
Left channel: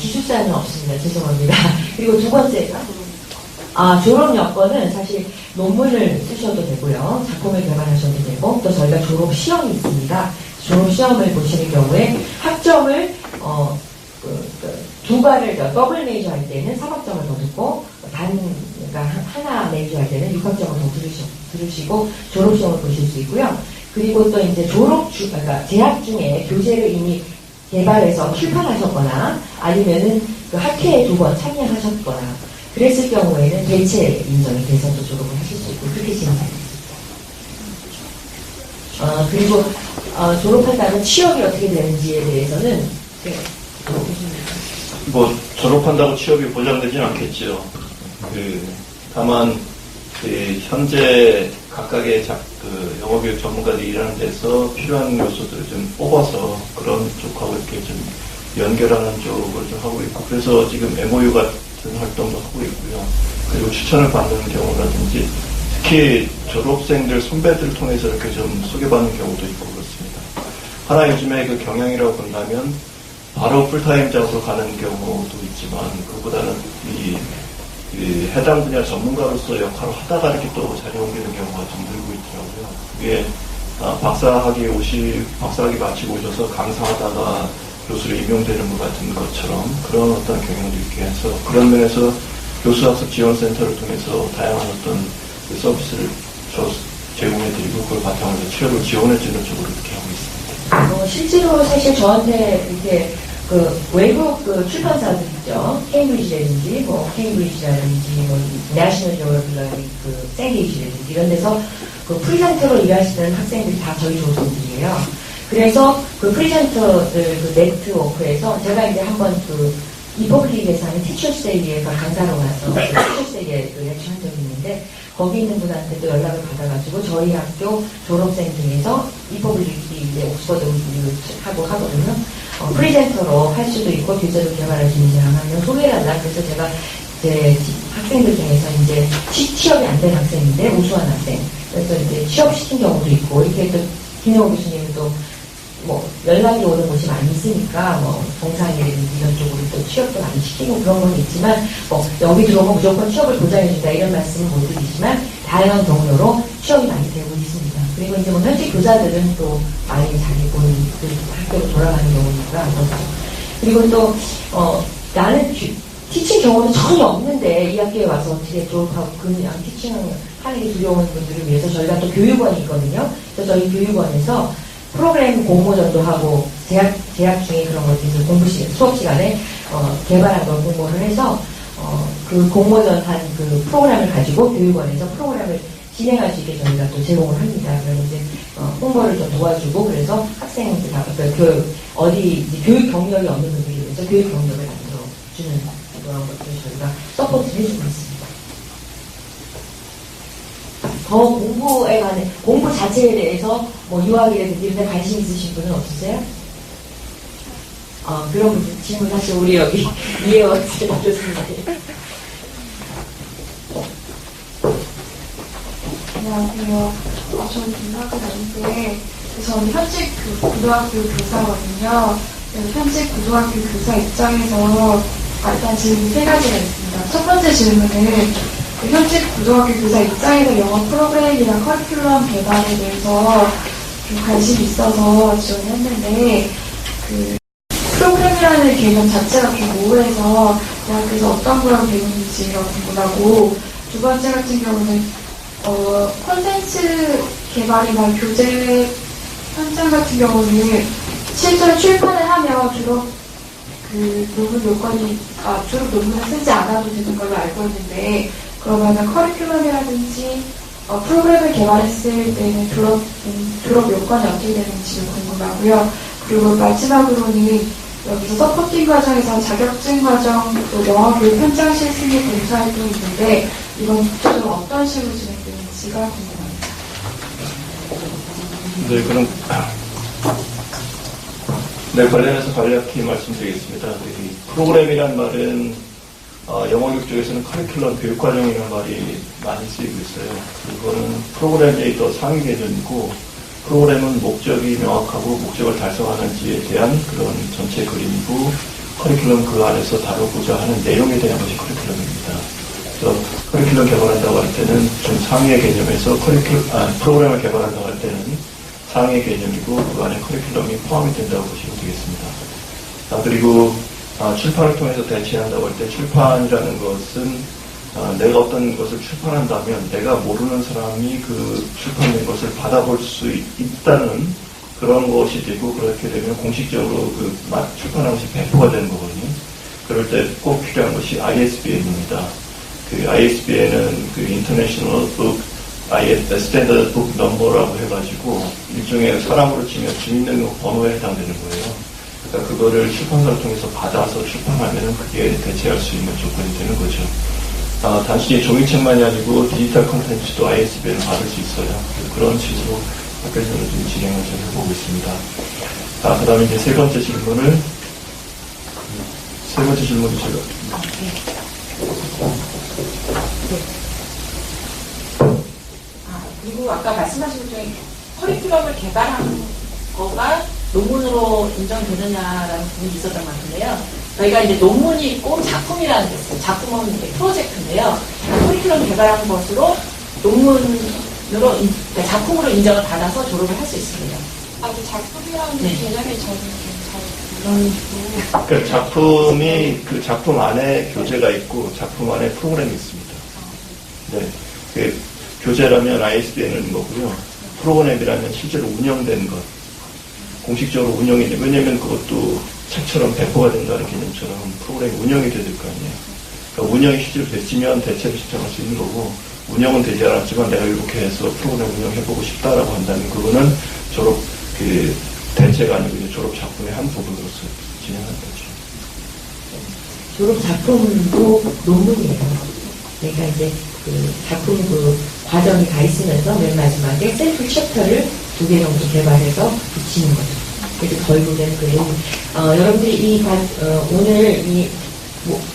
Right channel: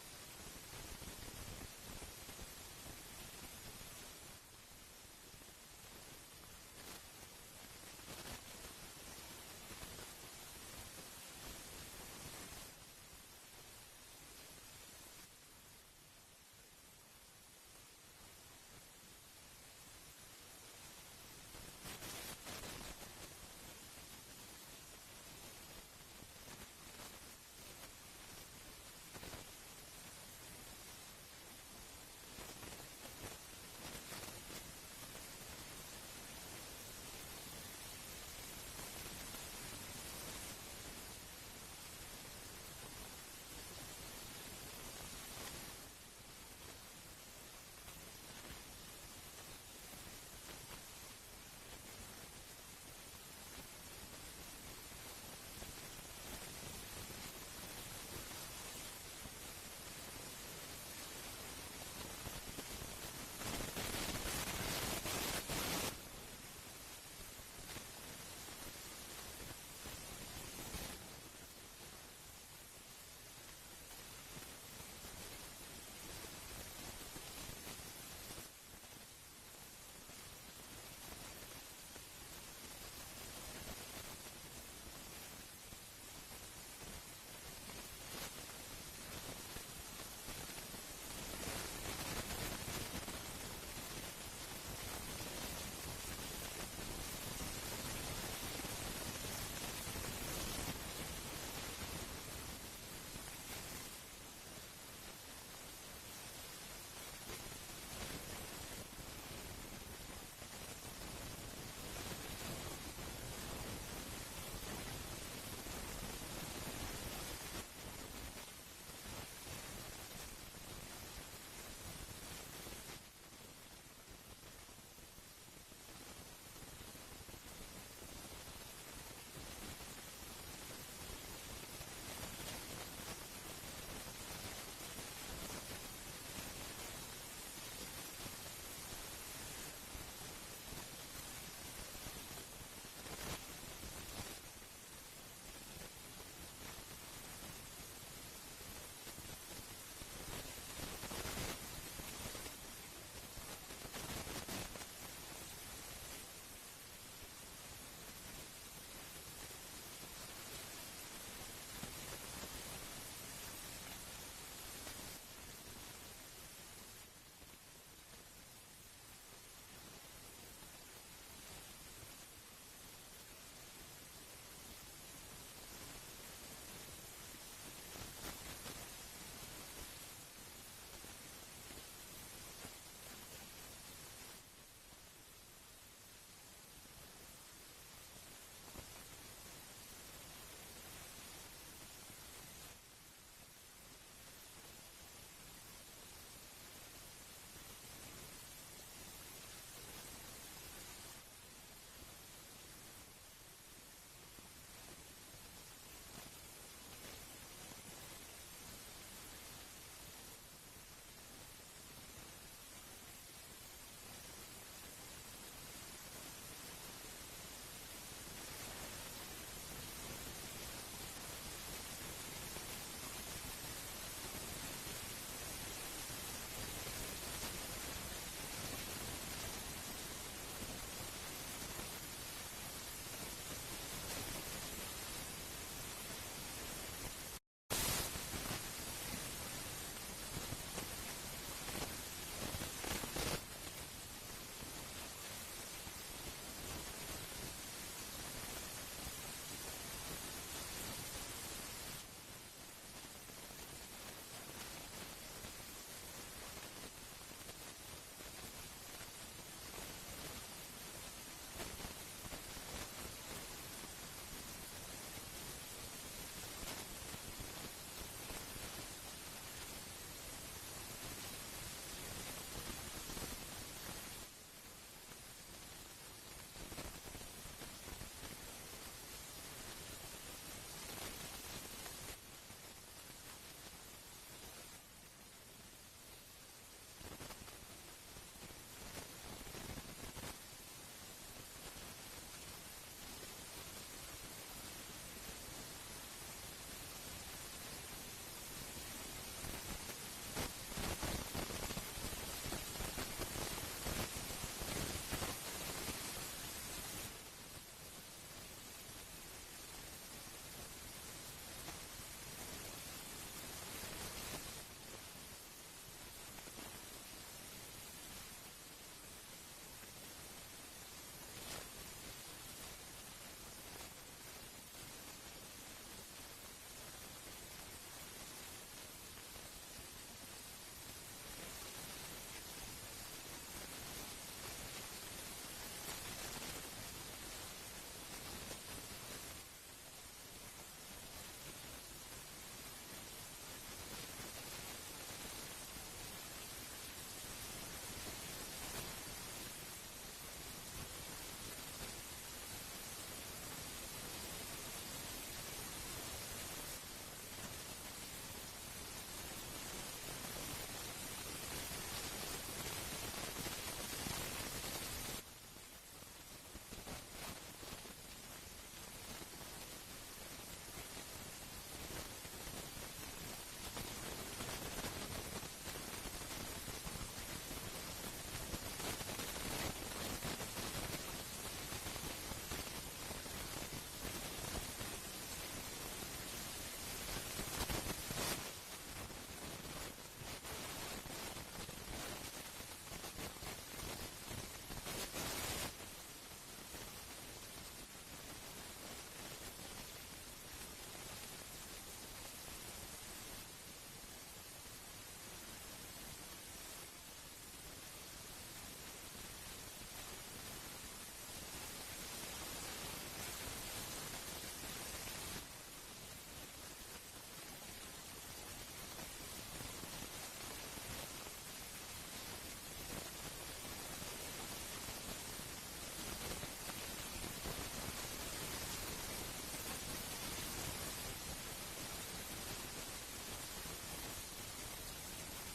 기숙사는 없습니다. 죄송합니다. 그리고 두 번째가 졸업 여건은 사실 논문을 쓰셔도 되고요. 작품을 개발하셔도 되고, 또 저희가 졸업 시험이 있습니다. 졸업 시험을 보시는 경우에 학점을 2과를 더블 메이저 할 때는 3학점을 더 듣고, 그러니까 하나 메이저 할 때는 6학점을 더 들으시고 졸업 시험을 보실 수 있고요. 그리고 또 이제 그러니까 재학 중에 교재를 이미 개발해서 출판하셨거나 아니면은 그 학회에 2번 참여하셨거나 그랬을 경우에는 대체 인정이 돼서 또 졸업을 하실 수 있고 그렇게 진행이 있습니다. 그리고 졸업한다면 취업이 어떻게 되는지에 대해서는 뭐 졸업한다고 취업이 보장되진 않겠죠. 다만 현재 각각의 그 영어교육 전문가들이 일하는 데서 필요한 요소들을 좀 뽑아서 그런 쪽하고 이렇게 좀 연결하는 쪽을 좀 하고 있고, 그래서 지금 MOU 같은 활동도 하고 있고요. 그리고 추천을 받는 경우라든지 특히 졸업생들 선배들을 통해서 이렇게 좀 소개받는 경우도 있고 그렇습니다. 하나 요즘에 그 경향이라고 본다면 바로 풀타임 잡으로 가는 경우도 있지만 그보다는 해당 분야 전문가로서 역할을 하다가 이렇게 또 자리 옮기는 경우가 좀 늘고 있더라고요. 그게 박사학위 마치고 오셔서 강사하다가 교수로 임용되는 것 같은 것처럼 그런 어떤 경향도 있게 해서 그런 면에서 교수학습 지원센터를 통해서 다양한 어떤 서비스를 제공해드리고 그걸 바탕으로 취업을 지원해주는 쪽으로 이렇게 하고 있습니다. 실제로 사실 저한테 이렇게 그 외국 그 출판사들 있죠. 케임브리지라든지 내셔널 저널이라든지 그 샌게이지라든지 이런 데서 그 프리젠터로 일하시는 학생들이 다 저희 조선들이에요. 그래서 그 프리젠터들 그 네트워크에서 제가 이제 한번 그 이퍼블릭에서 하는 티처스데이에서 강사로 가서 티처스데이에 렉처 한 적이 있는데 거기 있는 분한테도 연락을 받아가지고 저희 학교 졸업생 중에서 이퍼블릭이 이제 옥스퍼드 하고 하거든요. 프리젠터로 할 수도 있고 교재로 개발할 수 있는 사람을 소개해달라. 그래서 제가 제 학생들 중에서 이제 취업이 안 된 학생인데 우수한 학생. 그래서 이제 취업시킨 경우도 있고 이렇게 또 김영호 교수님은 또 뭐 연락이 오는 곳이 많이 있으니까 뭐 동상이라든지 이런 쪽으로 또 취업도 많이 시키고 그런 건 있지만 뭐 여기 들어오면 무조건 취업을 보장해준다 이런 말씀은 못 드리지만 다양한 경로로 취업이 많이 되고 있습니다. 그리고 이제 뭐 현직 교사들은 또 많이 자기 본인 그 학교로 돌아가는 경우니까 그렇죠. 그리고 또 나는 티칭 경험은 전혀 없는데 이 학교에 와서 어떻게 졸업하고 그냥 티칭하는 게 두려운 분들을 위해서 저희가 또 교육원이 있거든요. 그래서 저희 교육원에서 프로그램 공모전도 하고 재학 중에 그런 것들 수업 시간에 개발한 걸 공모를 해서 그 공모전 한 그 프로그램을 가지고 교육원에서 프로그램을 진행할 수 있게 저희가 또 제공을 합니다. 그래서 이제 홍보를 좀 도와주고 그래서 학생들 어디 교육 경력이 없는 분들을 위해서 교육 경력을 만들어 주는 그런 것들을 저희가 서포트를 해주고 있습니다. 더 공부에 관해 공부 자체에 대해서 뭐 유학이라든지 이런 데 관심 있으신 분은 없으세요? 그런 질문 사실 우리 여기 이혜원 교수님. 안녕하세요. 저는 김학은 아닌데 저는 현직 고등학교 교사거든요. 현직 고등학교 교사 입장에서 일단 질문 3가지가 있습니다. 첫 번째 질문은 현직 고등학교 교사 입장에서 영어 프로그램이나 커리큘럼 개발에 대해서 좀 관심이 있어서 지원을 했는데 그 프로그램이라는 개념 자체가 좀 모호해서 대학에서 어떤 걸 배우는지가 궁금하고, 두 번째 같은 경우는 콘텐츠 개발이나 교재 현장 같은 경우는 실제로 출판을 하면 졸업 논문 요건이 졸업 논문을 쓰지 않아도 되는 걸로 알고 있는데, 그러면은 커리큘럼이라든지 프로그램을 개발했을 때는 졸업 요건이 어떻게 되는지 궁금하고요. 그리고 마지막으로는 여기서 서포팅 과정에서 자격증 과정, 또 영어 교육 현장 실습 봉사활동이 있는데, 이건 구체적으로 어떤 식으로 진행되는지가 궁금합니다. 네, 그럼 관련해서 간략히 말씀드리겠습니다. 이 프로그램이란 말은 영어 교육 쪽에서는 커리큘럼 교육과정이라는 말이 많이 쓰이고 있어요. 이거는 프로그램의 더 상위 개념이고, 프로그램은 목적이 명확하고 목적을 달성하는지에 대한 그런 전체 그림이고, 커리큘럼 그 안에서 다루고자 하는 내용에 대한 것이 커리큘럼입니다. 그래서 커리큘럼 개발한다고 할 때는 좀 상위의 개념에서 프로그램을 개발한다고 할 때는 상위의 개념이고, 그 안에 커리큘럼이 포함이 된다고 보시면 되겠습니다. 그리고 출판을 통해서 대체한다고 할 때, 출판이라는 것은 내가 어떤 것을 출판한다면 내가 모르는 사람이 그 출판된 것을 받아볼 수 있다는 그런 것이 되고, 그렇게 되면 공식적으로 그 출판한 것이 배포가 되는 거거든요. 그럴 때 꼭 필요한 것이 ISBN입니다. 그 ISBN은 그 International Book Standard Book Number라고 해가지고 일종의 사람으로 치면 주민등록 번호에 해당되는 거예요. 그러니까 그거를 출판사를 통해서 받아서 출판하면 그게 대체할 수 있는 조건이 되는 거죠. 단순히 종이책만이 아니고 디지털 콘텐츠도 ISBN을 받을 수 있어요. 그런 식으로 학교에서는 좀 진행을 좀 해보고 있습니다. 그 다음에 이제 세 번째 질문이 제가. 그리고 아까 말씀하신 것 중에 커리큘럼을 개발한 거가 논문으로 인정되느냐라는 부분이 있었던 것 같은데요. 저희가 이제 논문이 있고 작품이라는 게 있어요. 작품은 이제 프로젝트인데요. 커리큘럼 개발한 것으로 논문으로, 작품으로 인정을 받아서 졸업을 할 수 있습니다. 아주 작품이라는 개념이 저는 그 작품이 그 작품 안에 교재가 있고 작품 안에 프로그램이 있습니다. 네, 그 교재라면 ISBN은 거고요. 프로그램이라면 실제로 운영된 것, 공식적으로 운영이 돼. 왜냐하면 그것도 책처럼 배포가 된다는 개념처럼 프로그램이 운영이 돼야 될 거 아니에요. 그러니까 운영이 실제로 됐으면 대체를 신청할 수 있는 거고, 운영은 되지 않았지만 내가 이렇게 해서 프로그램 운영해보고 싶다라고 한다면 그거는 졸업 대체가 아니고 이제 졸업 작품의 한 부분으로서 진행하는 거죠. 졸업 작품도 논문이에요. 그러니까 이제 그 작품 그 과정이 가 있으면서 맨 마지막에 샘플 챕터를 2개 정도 개발해서 붙이는 거죠. 그래서 결국에는 그림. 여러분들이 오늘 이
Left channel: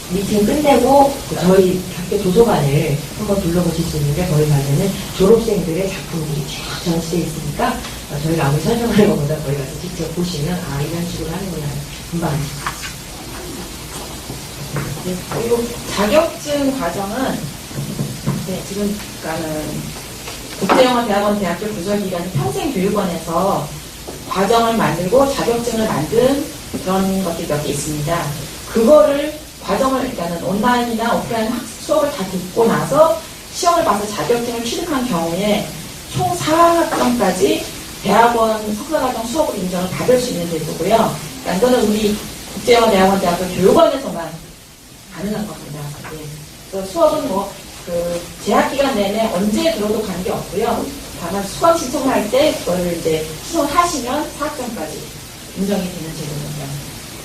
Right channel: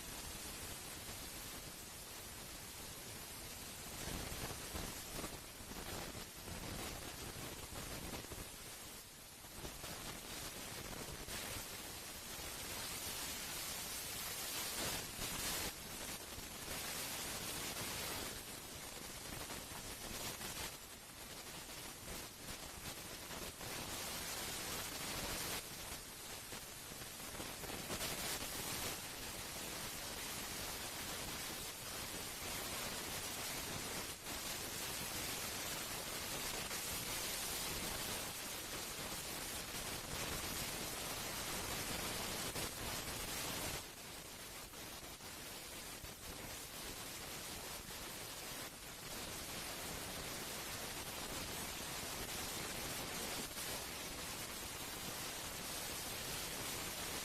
미팅 끝내고 저희 학교 도서관을 한번 둘러보실 수 있는데, 거기 가면은 졸업생들의 작품들이 쫙 전시되어 있으니까 저희가 아무리 설명하는 것보다 거기 가서 직접 보시면 이런 식으로 하는구나 금방 아실 수 있어요. 그리고 자격증 과정은 지금 국제영어대학원 대학교 부설기관 평생교육원에서 과정을 만들고 자격증을 만든 그런 것들이 몇 개 있습니다. 그거를 과정을 일단은 온라인이나 오프라인 수업을 다 듣고 나서 시험을 봐서 자격증을 취득한 경우에 총 4학점까지 대학원 석사과정 수업을 인정을 받을 수 있는 제도고요. 그러니까 이거는 우리 국제영어대학원 대학교 교육원에서만 가능한 겁니다. 그래서 수업은 재학 기간 내내 언제 들어도 가는 게 없고요. 다만 수강 신청을 할 때 그걸 이제 신청하시면 4학점까지 인정이 되는 제도입니다.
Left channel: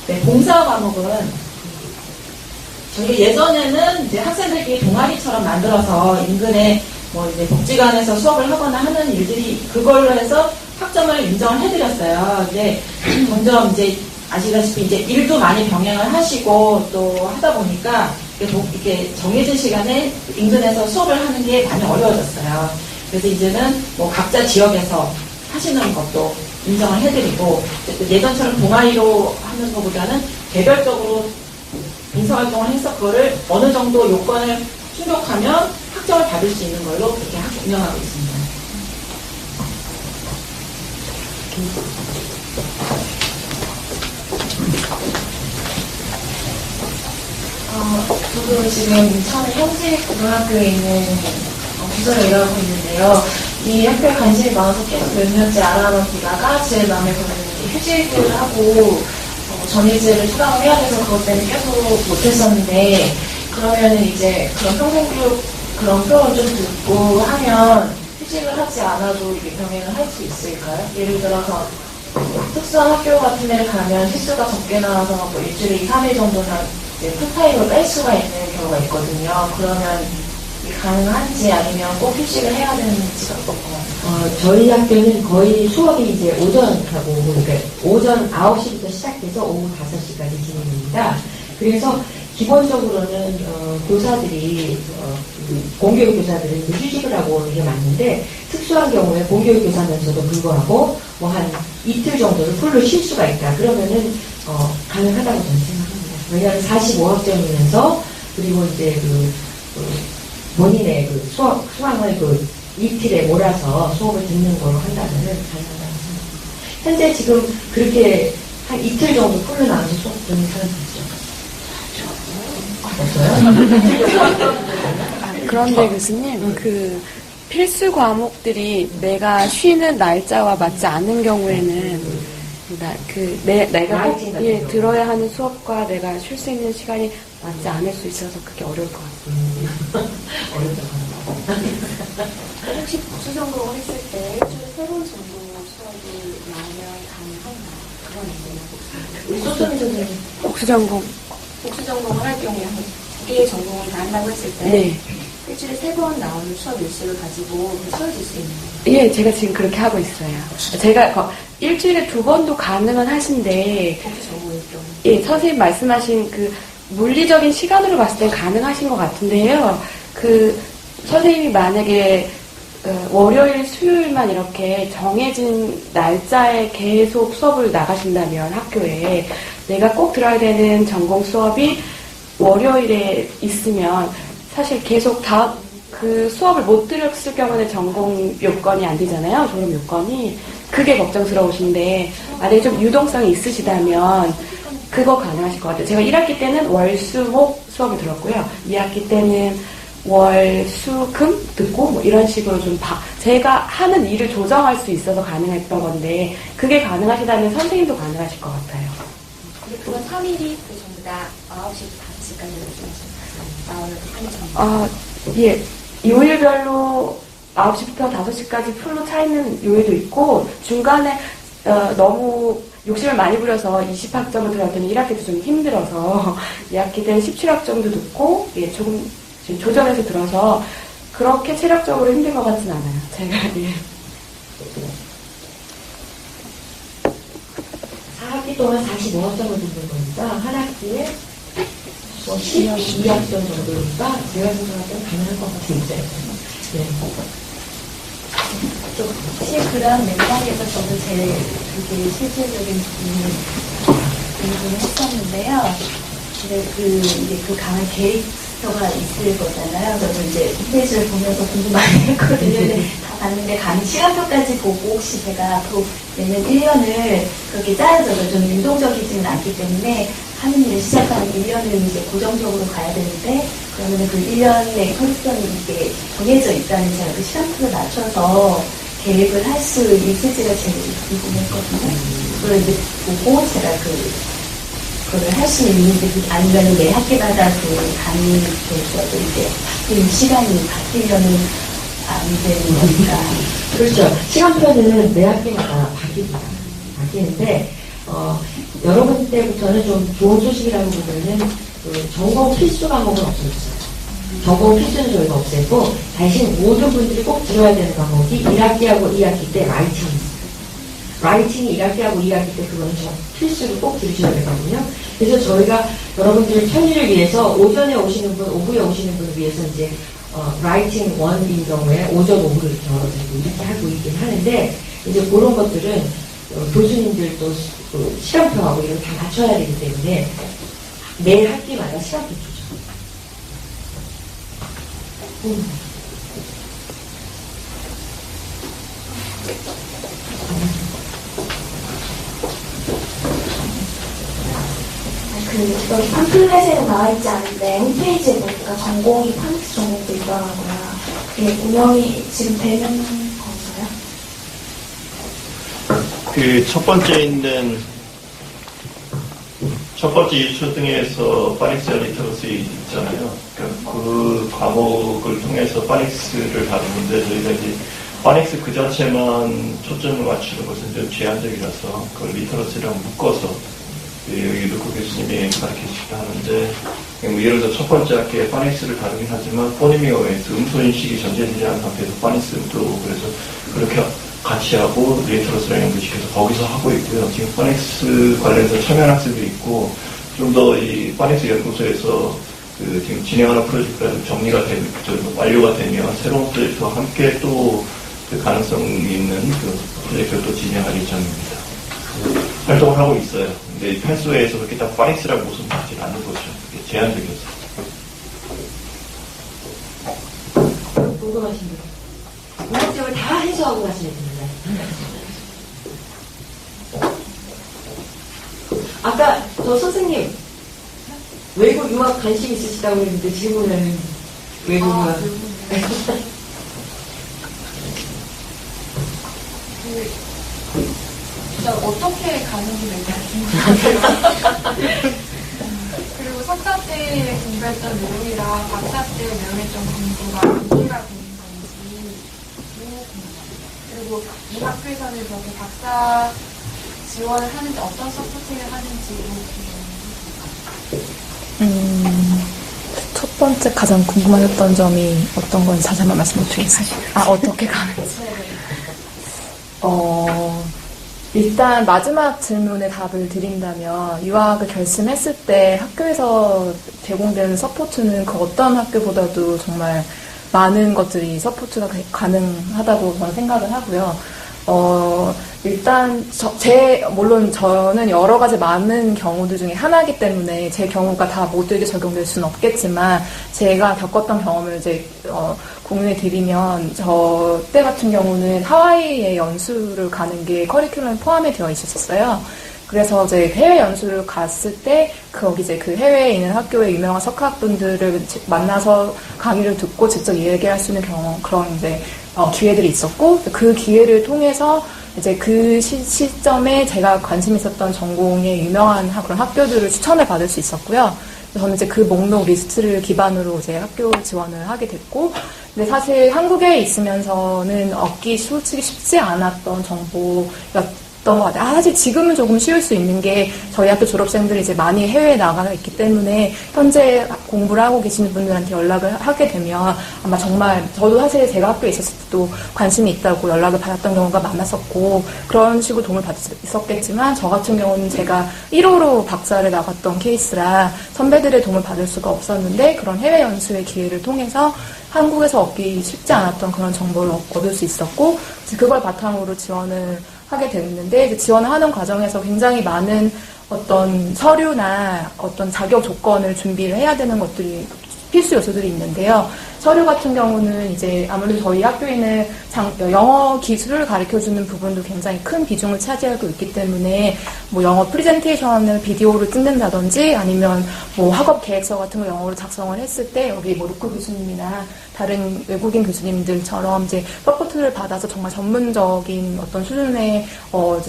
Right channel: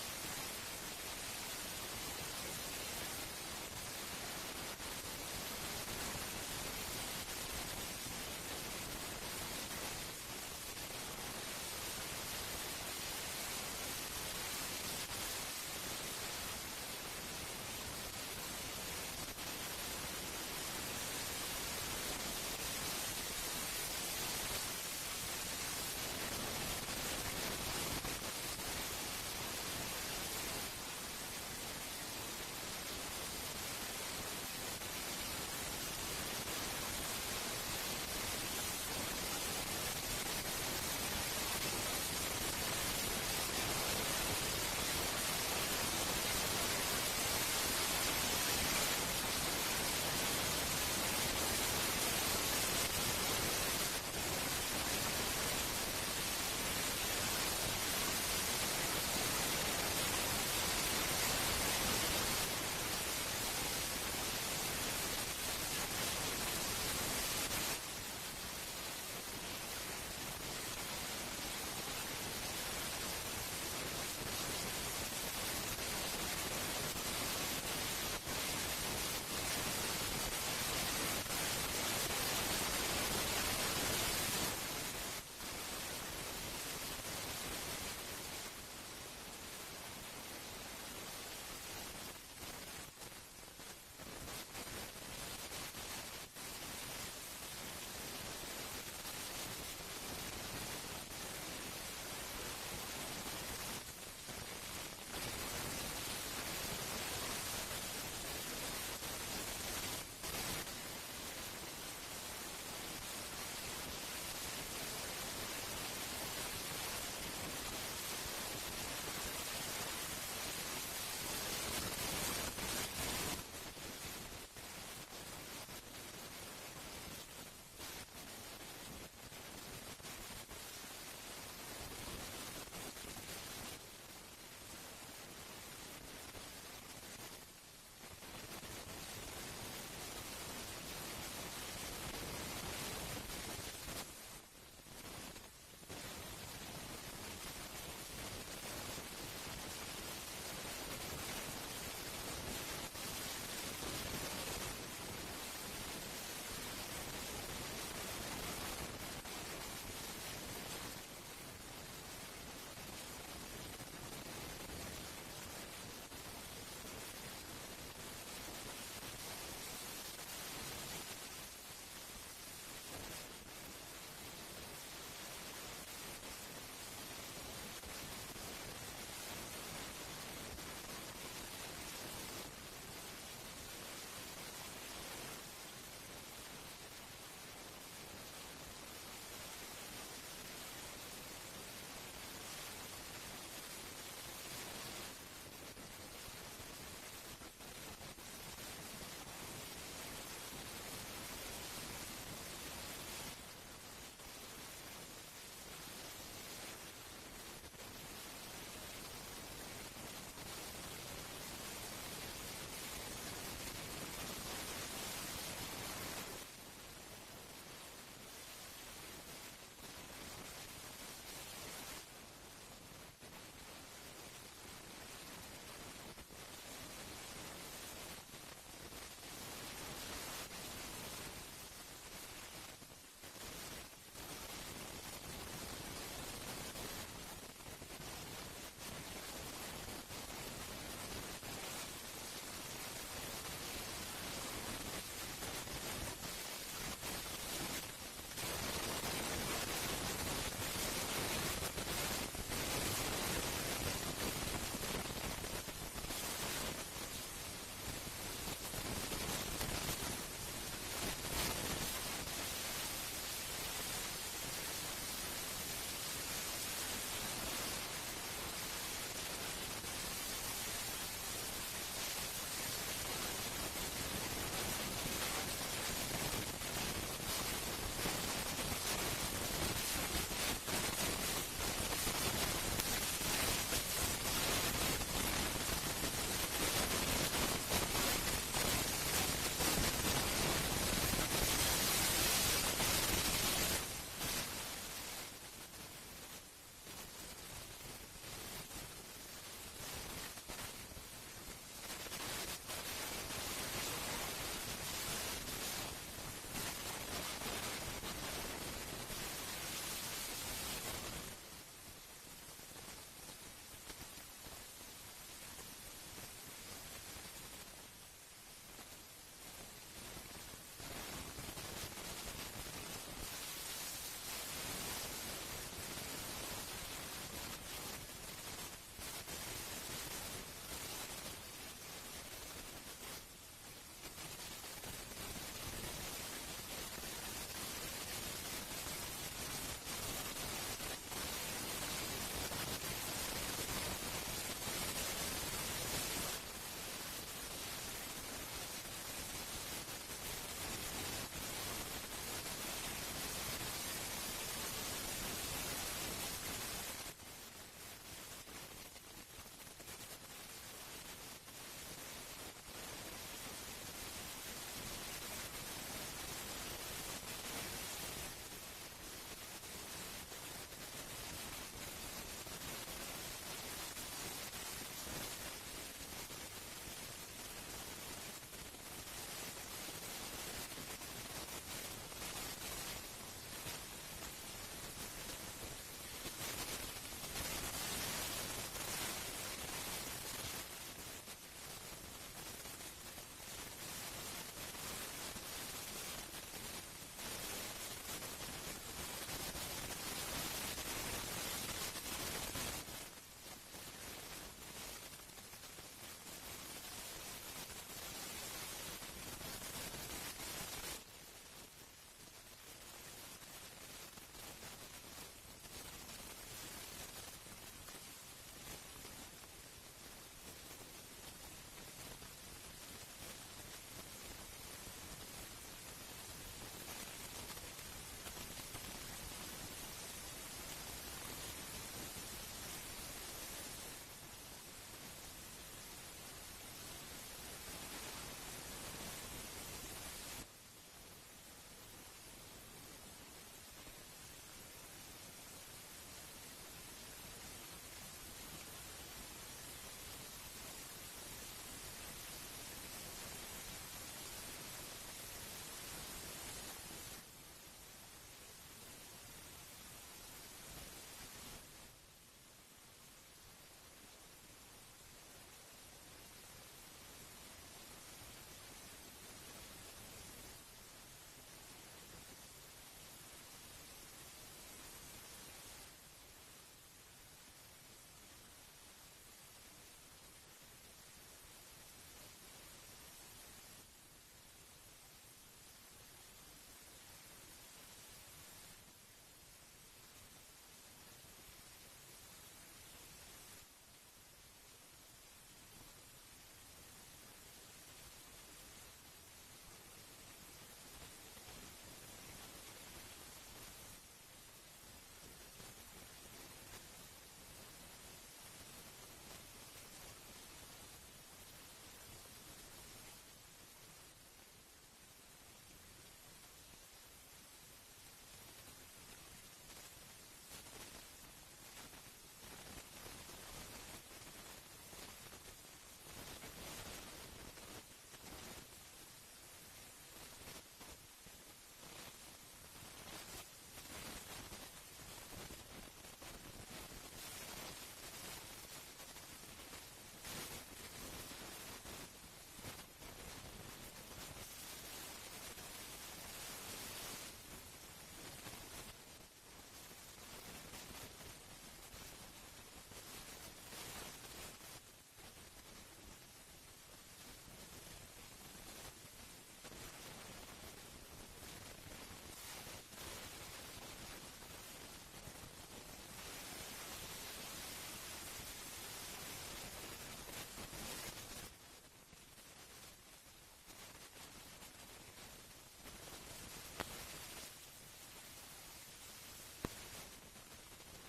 네, 봉사 과목은 저희가 예전에는 이제 학생들끼리 동아리처럼 만들어서 인근에 이제 복지관에서 수업을 하거나 하는 일들이 그걸로 해서 학점을 인정을 해드렸어요. 근데 점점 이제 아시다시피 이제 일도 많이 병행을 하시고 또 하다 보니까 이렇게 정해진 시간에 인근에서 수업을 하는 게 많이 어려워졌어요. 그래서 이제는 각자 지역에서 하시는 것도 인정을 해드리고, 예전처럼 동아리로 하는 것보다는 개별적으로 봉사활동을 해서 그거를 어느 정도 요건을 충족하면 학점을 받을 수 있는 걸로 그렇게 운영하고 있습니다. 저도 지금 인천 현직 고등학교에 있는 부서를 일하고 있는데요. 이 학교에 관심이 많아서 계속 몇 년째 알아보던 보다가 제일 마음에 드는 휴직을 하고 전일제를 수강을 해야 돼서 그것 때문에 계속 못했었는데 그러면은 이제 그런 평생교육 그런 표현을 좀 듣고 하면 휴직을 하지 않아도 이게 병행을 할 수 있을까요? 예를 들어서 특수한 학교 같은 데를 가면 횟수가 적게 나와서 뭐 일주일에 2, 3일 정도나 이제 풀타임을 뺄 수가 있는 경우가 있거든요. 그러면 이게 가능한지 아니면 꼭 휴직을 해야 되는지가 궁금합니다. 저희 학교는 거의 수업이 이제 오전하고, 그러니까 오전 9시부터 시작해서 오후 5시까지 진행됩니다. 그래서 기본적으로는 교사들이 공교육 교사들은 휴직을 하고 오는 게 맞는데 특수한 경우에 공교육 교사면서도 불구하고 뭐 한 이틀 정도를 풀로 쉴 수가 있다. 그러면은 가능하다고 저는 생각합니다. 왜냐하면 45학점이면서 그리고 이제 본인의 수강을 이틀에 몰아서 수업을 듣는 거로 한다면은 가능하다고 생각합니다. 현재 지금 그렇게 한 이틀 정도 풀로 나눠서 수업 듣는 사람 그런데 교수님, 그 필수 과목들이 내가 쉬는 날짜와 맞지 않는 경우에는 내가 꼭 들어야 하는 수업과 내가 쉴 수 있는 시간이 맞지 않을 수 있어서 그게 어려울 것 같아요. 혹시 복수 전공을 했을 때 일주일에 3번 정도 수업이 나오면 가능한가요? 그런 소점이 선생님. 복수 전공. 복수 전공을 할 경우에 한 2개의 전공을 다 한다고 했을 때 네. 일주일에 3번 나오는 수업 일식을 가지고 채워질 수 있는 거예요? 예, 제가 지금 그렇게 하고 있어요. 제가 일주일에 2번도 가능은 하신데, 예, 선생님 말씀하신 그 물리적인 시간으로 봤을 땐 가능하신 것 같은데요. 선생님이 만약에 월요일, 수요일만 이렇게 정해진 날짜에 계속 수업을 나가신다면 학교에 내가 꼭 들어야 되는 전공 수업이 월요일에 있으면 사실 계속 그 수업을 못 들었을 경우는 전공 요건이 안 되잖아요. 졸업 요건이. 그게 걱정스러우신데 만약에 좀 유동성이 있으시다면 그거 가능하실 것 같아요. 제가 1학기 때는 월, 수, 목 수업을 들었고요. 2학기 때는 월, 수, 금 듣고 뭐 이런 식으로 좀 제가 하는 일을 조정할 수 있어서 가능했던 건데 그게 가능하시다면 선생님도 가능하실 것 같아요. 근데 그건 3일이 전부 다 9시부터 5시까지 나오는 예. 요일별로 9시부터 5시까지 풀로 차 있는 요일도 있고 중간에 너무 욕심을 많이 부려서 20학점을 들어갔더니 1학기도 좀 힘들어서 2학기 때는 17학점도 듣고 예, 조금 조정해서 들어서 그렇게 체력적으로 힘든 것 같진 않아요. 제가 예. 4학기 동안 45학점을 듣는 거니까 한 학기에 12학점 정도니까 제가 생각할 때는 가능할 것 같습니다. 네. 사실 그런 맥락에서 저도 그게 실질적인 부분을 했었는데요. 근데 이제 그 강한 캐릭터가 있을 거잖아요. 그래서 이제 홈페이지를 보면서 공부 많이 했거든요. 근데 다 봤는데 시간표까지 보고 혹시 제가 앞으로 내년 1년을 그렇게 짜여져서 좀 유동적이지는 않기 때문에 하는 일을 시작하는 1년을 이제 고정적으로 가야 되는데 그러면 그 1년의 컨디션이 이게 정해져 있다는 제가 그 시간표를 맞춰서 계획을 할 수 있을지가 제일 궁금했거든요. 그걸 이제 보고 제가 그걸 할 수 있는지 아니면 매 학기마다 담임이 되어도 이제 바뀌는 시간이 바뀌려는 안 되는 거니까. 그렇죠. 시간표는 매 학기마다 바뀌는데 여러분 때부터는 좀 좋은 소식이라고 보면은 전공 필수 과목은 없어졌어요. 전공 필수는 저희가 없애고 대신 모든 분들이 꼭 들어야 되는 과목이 1학기하고 2학기 때 라이팅이 있어요. 라이팅이 1학기하고 2학기 때 그거는 필수로 꼭 들으셔야 되거든요. 그래서 저희가 여러분들 편의를 위해서 오전에 오시는 분, 오후에 오시는 분을 위해서 이제 라이팅 1인 경우에 오전, 오후를 이렇게 열어드리고 이렇게 하고 있긴 하는데 이제 그런 것들은 교수님들도 시간표하고 이런 다 맞춰야 되기 때문에 매 학기마다 시간표 주죠. 여기 팜플렛에는 나와 있지 않은데 홈페이지에 보니까 전공이 파닉스 전공도 있더라고요. 이게 운영이 지금 되는 건가요? 그 첫 번째 있는 첫 번째 유초등에서 파닉스 리터러시 있잖아요. 그러니까 그 과목을 통해서 파닉스를 다루는데 저희가 이제 파닉스 그 자체만 초점을 맞추는 것은 좀 제한적이라서 그걸 리터러시랑 묶어서 여기 루코 교수님이 가르치시기도 하는데 뭐 예를 들어 첫 번째 학기에 파닉스를 다루긴 하지만 포니밍 어웨이스 음소인식이 전제되지 않은 상태에서 파닉스도 그래서 그렇게 같이 하고 리터러스랑 연구시켜서 거기서 하고 있고요. 지금 파닉스 관련해서 참여한 학생도 있고 좀 더 이 파닉스 연구소에서 그 지금 진행하는 프로젝트가 좀 정리가 되면 완료가 되면 새로운 프로젝트와 함께 또 그 가능성이 있는 그 프로젝트를 또 진행할 예정입니다. 활동을 하고 있어요. 근데 판소에서 그렇게 딱 파닉스라고 무슨 받지 않는 거죠. 제한적이어서. 궁금하신 분. 문학적을 다 해소하고 가시면 됩니다. 아까 저 선생님 외국 유학 관심 있으시다고 했는데 질문은 외국 유학. 진짜 어떻게 가는지 궁금해요. 그리고 석사 때 공부했던 내용이랑 박사 때 내용했던 공부가 일치가 되는 건지 그리고 이 학교에서는 그렇게 박사 지원을 하는지 어떤 서포팅을 하는지 첫 번째 가장 궁금하셨던 점이 어떤 건지 다시 한번 말씀드리겠습니다. 어떻게 가는지. 일단 마지막 질문에 답을 드린다면 유학을 결심했을 때 학교에서 제공되는 서포트는 그 어떤 학교보다도 정말 많은 것들이 서포트가 가능하다고 저는 생각을 하고요. 일단 물론 저는 여러 가지 많은 경우들 중에 하나이기 때문에 제 경우가 다 모두에게 적용될 수는 없겠지만 제가 겪었던 경험을 이제 공유해 드리면 저 때 같은 경우는 하와이에 연수를 가는 게 커리큘럼에 포함이 되어 있었어요. 그래서 이제 해외 연수를 갔을 때 거기 이제 그 해외에 있는 학교의 유명한 석학분들을 만나서 강의를 듣고 직접 얘기할 수 있는 그런 이제 기회들이 있었고 그 기회를 통해서 이제 그 시점에 제가 관심 있었던 전공의 유명한 그런 학교들을 추천을 받을 수 있었고요. 저는 이제 그 목록 리스트를 기반으로 이제 학교 지원을 하게 됐고, 근데 사실 한국에 있으면서는 얻기 솔직히 쉽지 않았던 정보였던 것 같아요. 사실 지금은 조금 쉬울 수 있는 게 저희 학교 졸업생들이 이제 많이 해외에 나가 있기 때문에 현재 공부를 하고 계시는 분들한테 연락을 하게 되면 아마 정말 저도 사실 제가 학교에 있었을 때도 관심이 있다고 연락을 받았던 경우가 많았었고 그런 식으로 도움을 받을 수 있었겠지만 저 같은 경우는 제가 1호로 박사를 나갔던 케이스라 선배들의 도움을 받을 수가 없었는데 그런 해외 연수의 기회를 통해서 한국에서 얻기 쉽지 않았던 그런 정보를 얻을 수 있었고 그걸 바탕으로 지원을 하게 됐는데 이제 지원을 하는 과정에서 굉장히 많은 어떤 서류나 어떤 자격 조건을 준비를 해야 되는 것들이 필수 요소들이 있는데요. 서류 같은 경우는 이제 아무래도 저희 학교에는 영어 기술을 가르쳐주는 부분도 굉장히 큰 비중을 차지하고 있기 때문에 뭐 영어 프레젠테이션을 비디오로 찍는다든지 아니면 뭐 학업 계획서 같은 거 영어로 작성을 했을 때 여기 뭐 루코 교수님이나 다른 외국인 교수님들처럼 이제 서포트를 받아서 정말 전문적인 어떤 수준의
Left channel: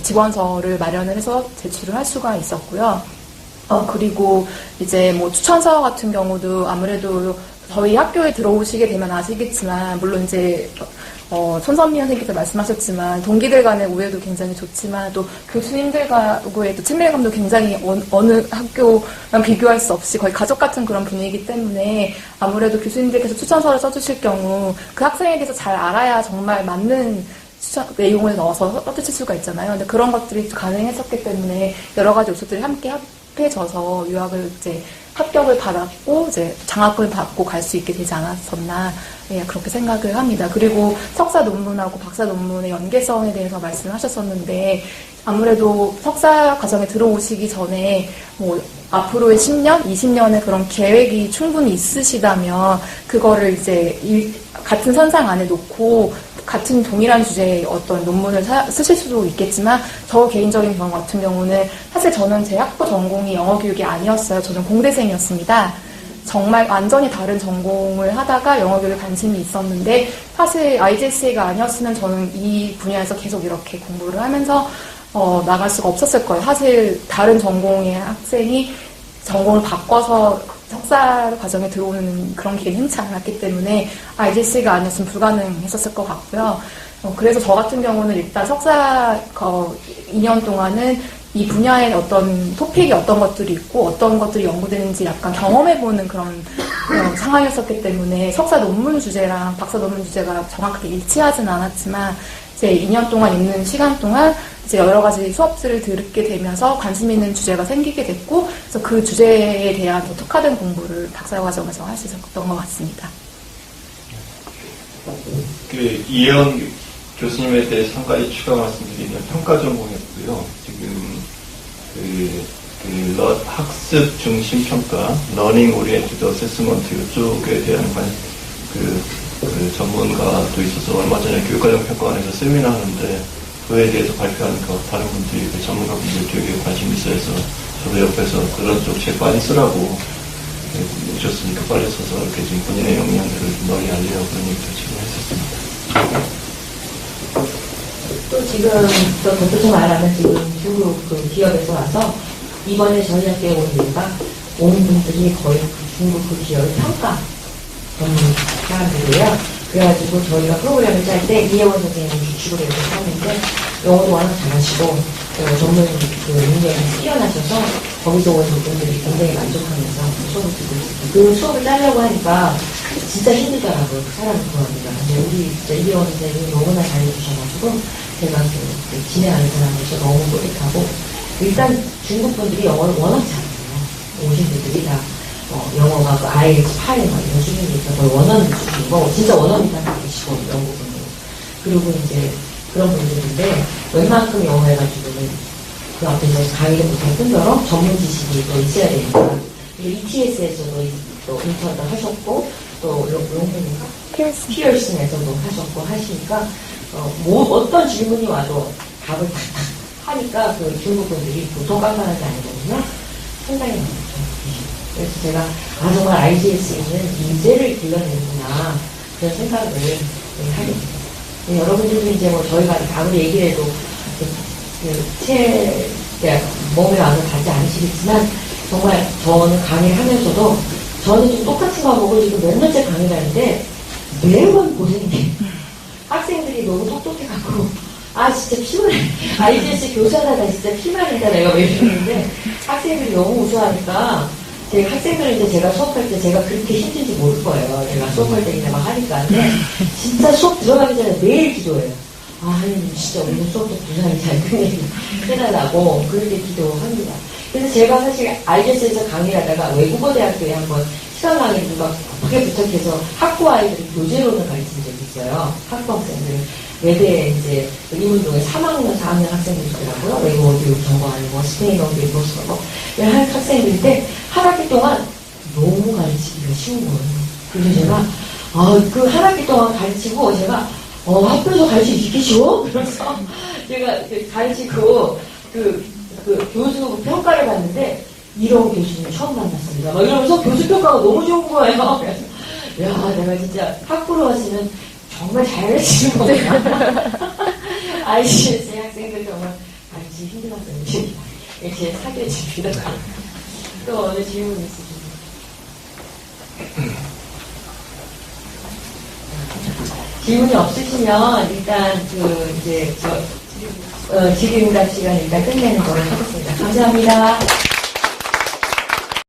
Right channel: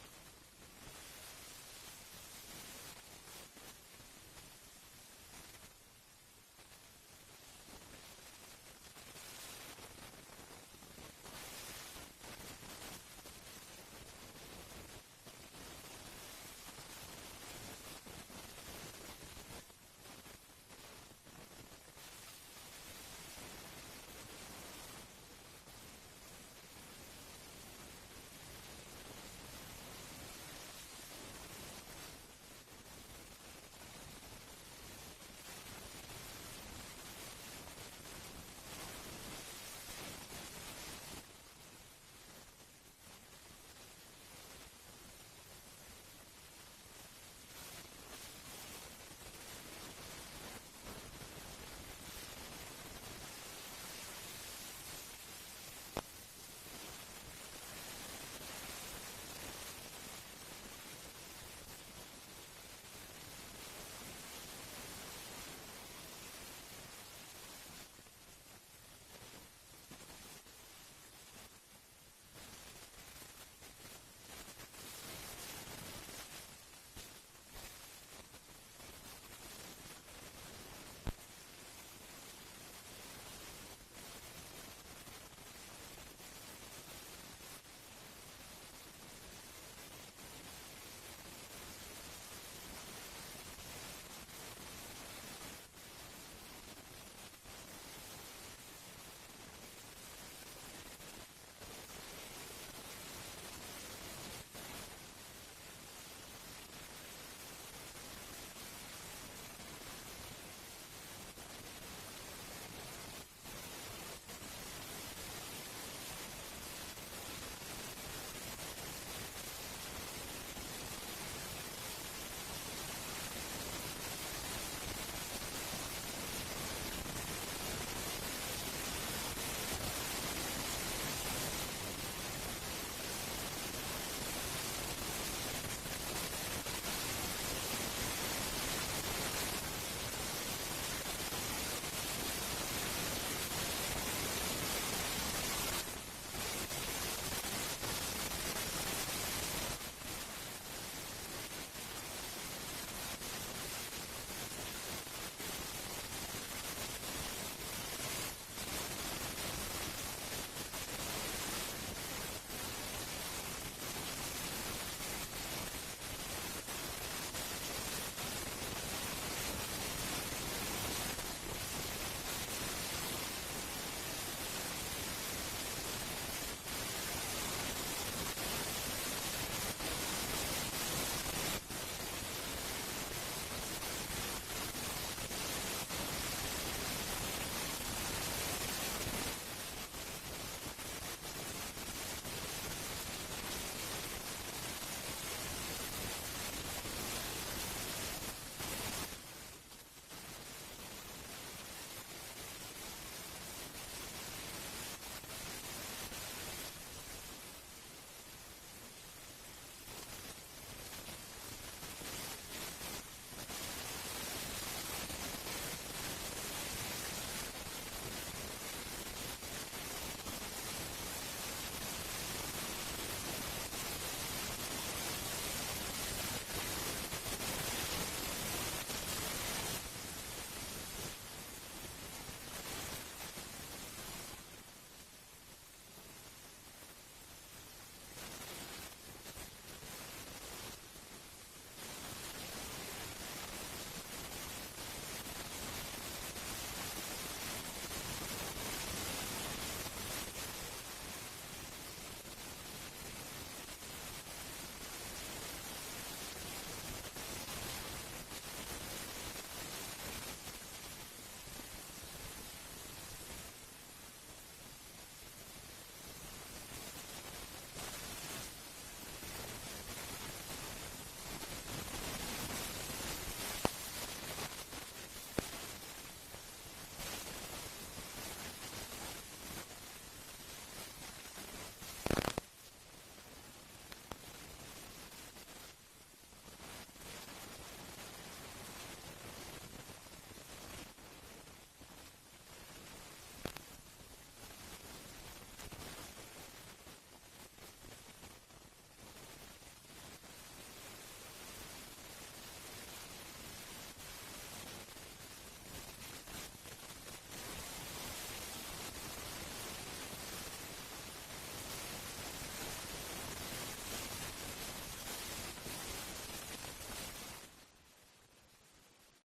지원서를 마련을 해서 제출을 할 수가 있었고요. 그리고 이제 뭐 추천서 같은 경우도 아무래도 저희 학교에 들어오시게 되면 아시겠지만, 물론 이제, 손선미 선생님께서 말씀하셨지만, 동기들 간의 우애도 굉장히 좋지만, 또 교수님들과의 또 친밀감도 굉장히 어느 학교랑 비교할 수 없이 거의 가족 같은 그런 분위기이기 때문에, 아무래도 교수님들께서 추천서를 써주실 경우, 그 학생에 대해서 잘 알아야 정말 맞는 내용을 넣어서 써주실 수가 있잖아요. 근데 그런 것들이 가능했었기 때문에, 여러 가지 요소들이 함께 합해져서 유학을 이제 합격을 받았고 이제 장학금을 받고 갈 수 있게 되지 않았었나 그렇게 생각을 합니다. 그리고 석사 논문하고 박사 논문의 연계성에 대해서 말씀하셨었는데 아무래도 석사 과정에 들어오시기 전에 뭐 앞으로의 10년, 20년의 그런 계획이 충분히 있으시다면 그거를 이제 같은 선상 안에 놓고 같은 동일한 주제의 어떤 논문을 쓰실 수도 있겠지만 저 개인적인 경우 같은 경우는 사실 저는 제 학부 전공이 영어 교육이 아니었어요. 저는 공대생이었습니다. 정말 완전히 다른 전공을 하다가 영어 교육에 관심이 있었는데 사실 IGSA가 아니었으면 저는 이 분야에서 계속 이렇게 공부를 하면서 나갈 수가 없었을 거예요. 사실 다른 전공의 학생이 전공을 바꿔서 석사 과정에 들어오는 그런 기회는 흔치 않았기 때문에 IGSA가 아니었으면 불가능했었을 것 같고요. 그래서 저 같은 경우는 일단 석사 2년 동안은 이 분야의 어떤 토픽이 어떤 것들이 있고 어떤 것들이 연구되는지 약간 경험해보는 그런 상황이었었기 때문에 석사 논문 주제랑 박사 논문 주제가 정확하게 일치하진 않았지만 이제 2년 동안 있는 시간 동안 이제 여러 가지 수업들을 듣게 되면서 관심 있는 주제가 생기게 됐고 그래서 그 주제에 대한 더 특화된 공부를 박사 과정에서 할 수 있었던 것 같습니다. 이혜원 교수님에 대해서 한 가지 추가 말씀드리면 평가 전공이었고요. 지금 학습 중심 평가, 러닝 오리엔티드 어세스먼트 이쪽에 대한 그 전문가도 있어서 얼마 전에 교육과정 평가원에서 세미나 하는데 그에 대해서 발표하니까 다른 분들이 전문가분들 되게 관심 있어 해서 저도 옆에서 그런 쪽 책 빨리 쓰라고 오셨으니까 빨리 써서 이렇게 지금 본인의 역량들을 널리 알리라고 그런 얘기도 지금 했었습니다. 또 지금 또 덧붙여 말하면 지금 중국 그 기업에서 와서 이번에 저희 학교에 온 이유가 오는 분들이 거의 중국 그 기업의 평가 전문 사람들이에요. 그래가지고 저희가 프로그램을 짤 때 이혜원 선생님이 주축으로 이렇게 하는데 영어도 워낙 잘하시고 전문 그 능력이 뛰어나셔서 거기서 온 분들이 굉장히 만족하면서 수업을 듣고 있습니다. 그 수업을 짜려고 하니까 진짜 힘들더라고요. 그 사람 구하기가. 근데 우리 진짜 이혜원 선생님이 너무나 잘해주셔가지고 제가 그 진행하는 사람으로서 너무 뿌듯하고 일단 중국 분들이 영어를 워낙 잘해요. 오신 분들이 다 영어가 그 IELTS 8에 막 이런 수준이니까 거의 원어민 수준이고 진짜 원어민한테 계시고 영국분들 그리고 이제 그런 분들인데 웬만큼 영어 해가지고는 그 앞에서 강의를 못할 뿐더러 전문 지식이 또 있어야 되니까 ETS에서도 또 인턴도 하셨고 또 용펜인가? 피어슨에서도 하셨고 하시니까 어떤 질문이 와도 답을 탁탁 하니까 그 중국 분들이 보통 깐깐한 게 아니거든요. 상당히 많죠. 그래서 제가 정말 IGS에는 인재를 길러내는구나 그런 생각을 하게 됩니다. 여러분들도 이제 뭐 저희가 아무리 얘기를 해도 몸에 와서 닿지 않으시겠지만 정말 저는 강의를 하면서도 저는 좀 똑같은 과목을 지금 몇 년째 강의를 하는데 매번 고생이 돼요. 학생들이 너무 똑똑해갖고 진짜 피곤해. IGS 교사다 나 진짜 피말린다 내가 왜 이러는데 학생들이 너무 우수하니까 제가 학생들은 이제 제가 수업할 때 제가 그렇게 힘든지 모를 거예요. 제가 수업할 때 그냥 막 하니까. 근데 진짜 수업 들어가기 전에 매일 기도해요. 하나님 진짜 오늘 수업도 부산이 잘 끝내달라고 그렇게 기도합니다. 그래서 제가 사실 IGS에서 강의를 하다가 외국어 대학교에 한번 시간 강의를 막 크게 부탁해서 학부 아이들을 교재로는 가르친 적이 있어요. 학부 학생들. 외대에 이제 이문동에 3학년, 4학년 학생들이 있더라고요. 외국어 교육 전공 아니고 스페인어 교육 보고 한 학생들인데 한 학기 동안 너무 가르치기가 쉬운 거예요. 그래서 제가 그 한 학기 동안 가르치고 제가 학교에서 가르치기 이렇게 쉬워? 그래서 제가 가르치고 그 교수 평가를 받는데 이런 교수님 처음 만났습니다. 막 이러면서 교수 평가가 너무 좋은 거예요. 그래서 내가 진짜 학부로 왔으면 정말 잘 가르치는 거구나. IGS 학생들 정말 가르치기 힘들었어요. 이렇게 사귀어 집니다. 또 어느 질문 있으십니까? 질문이 없으시면 일단 질의응답 시간 일단 끝내는 걸로 하겠습니다. 감사합니다.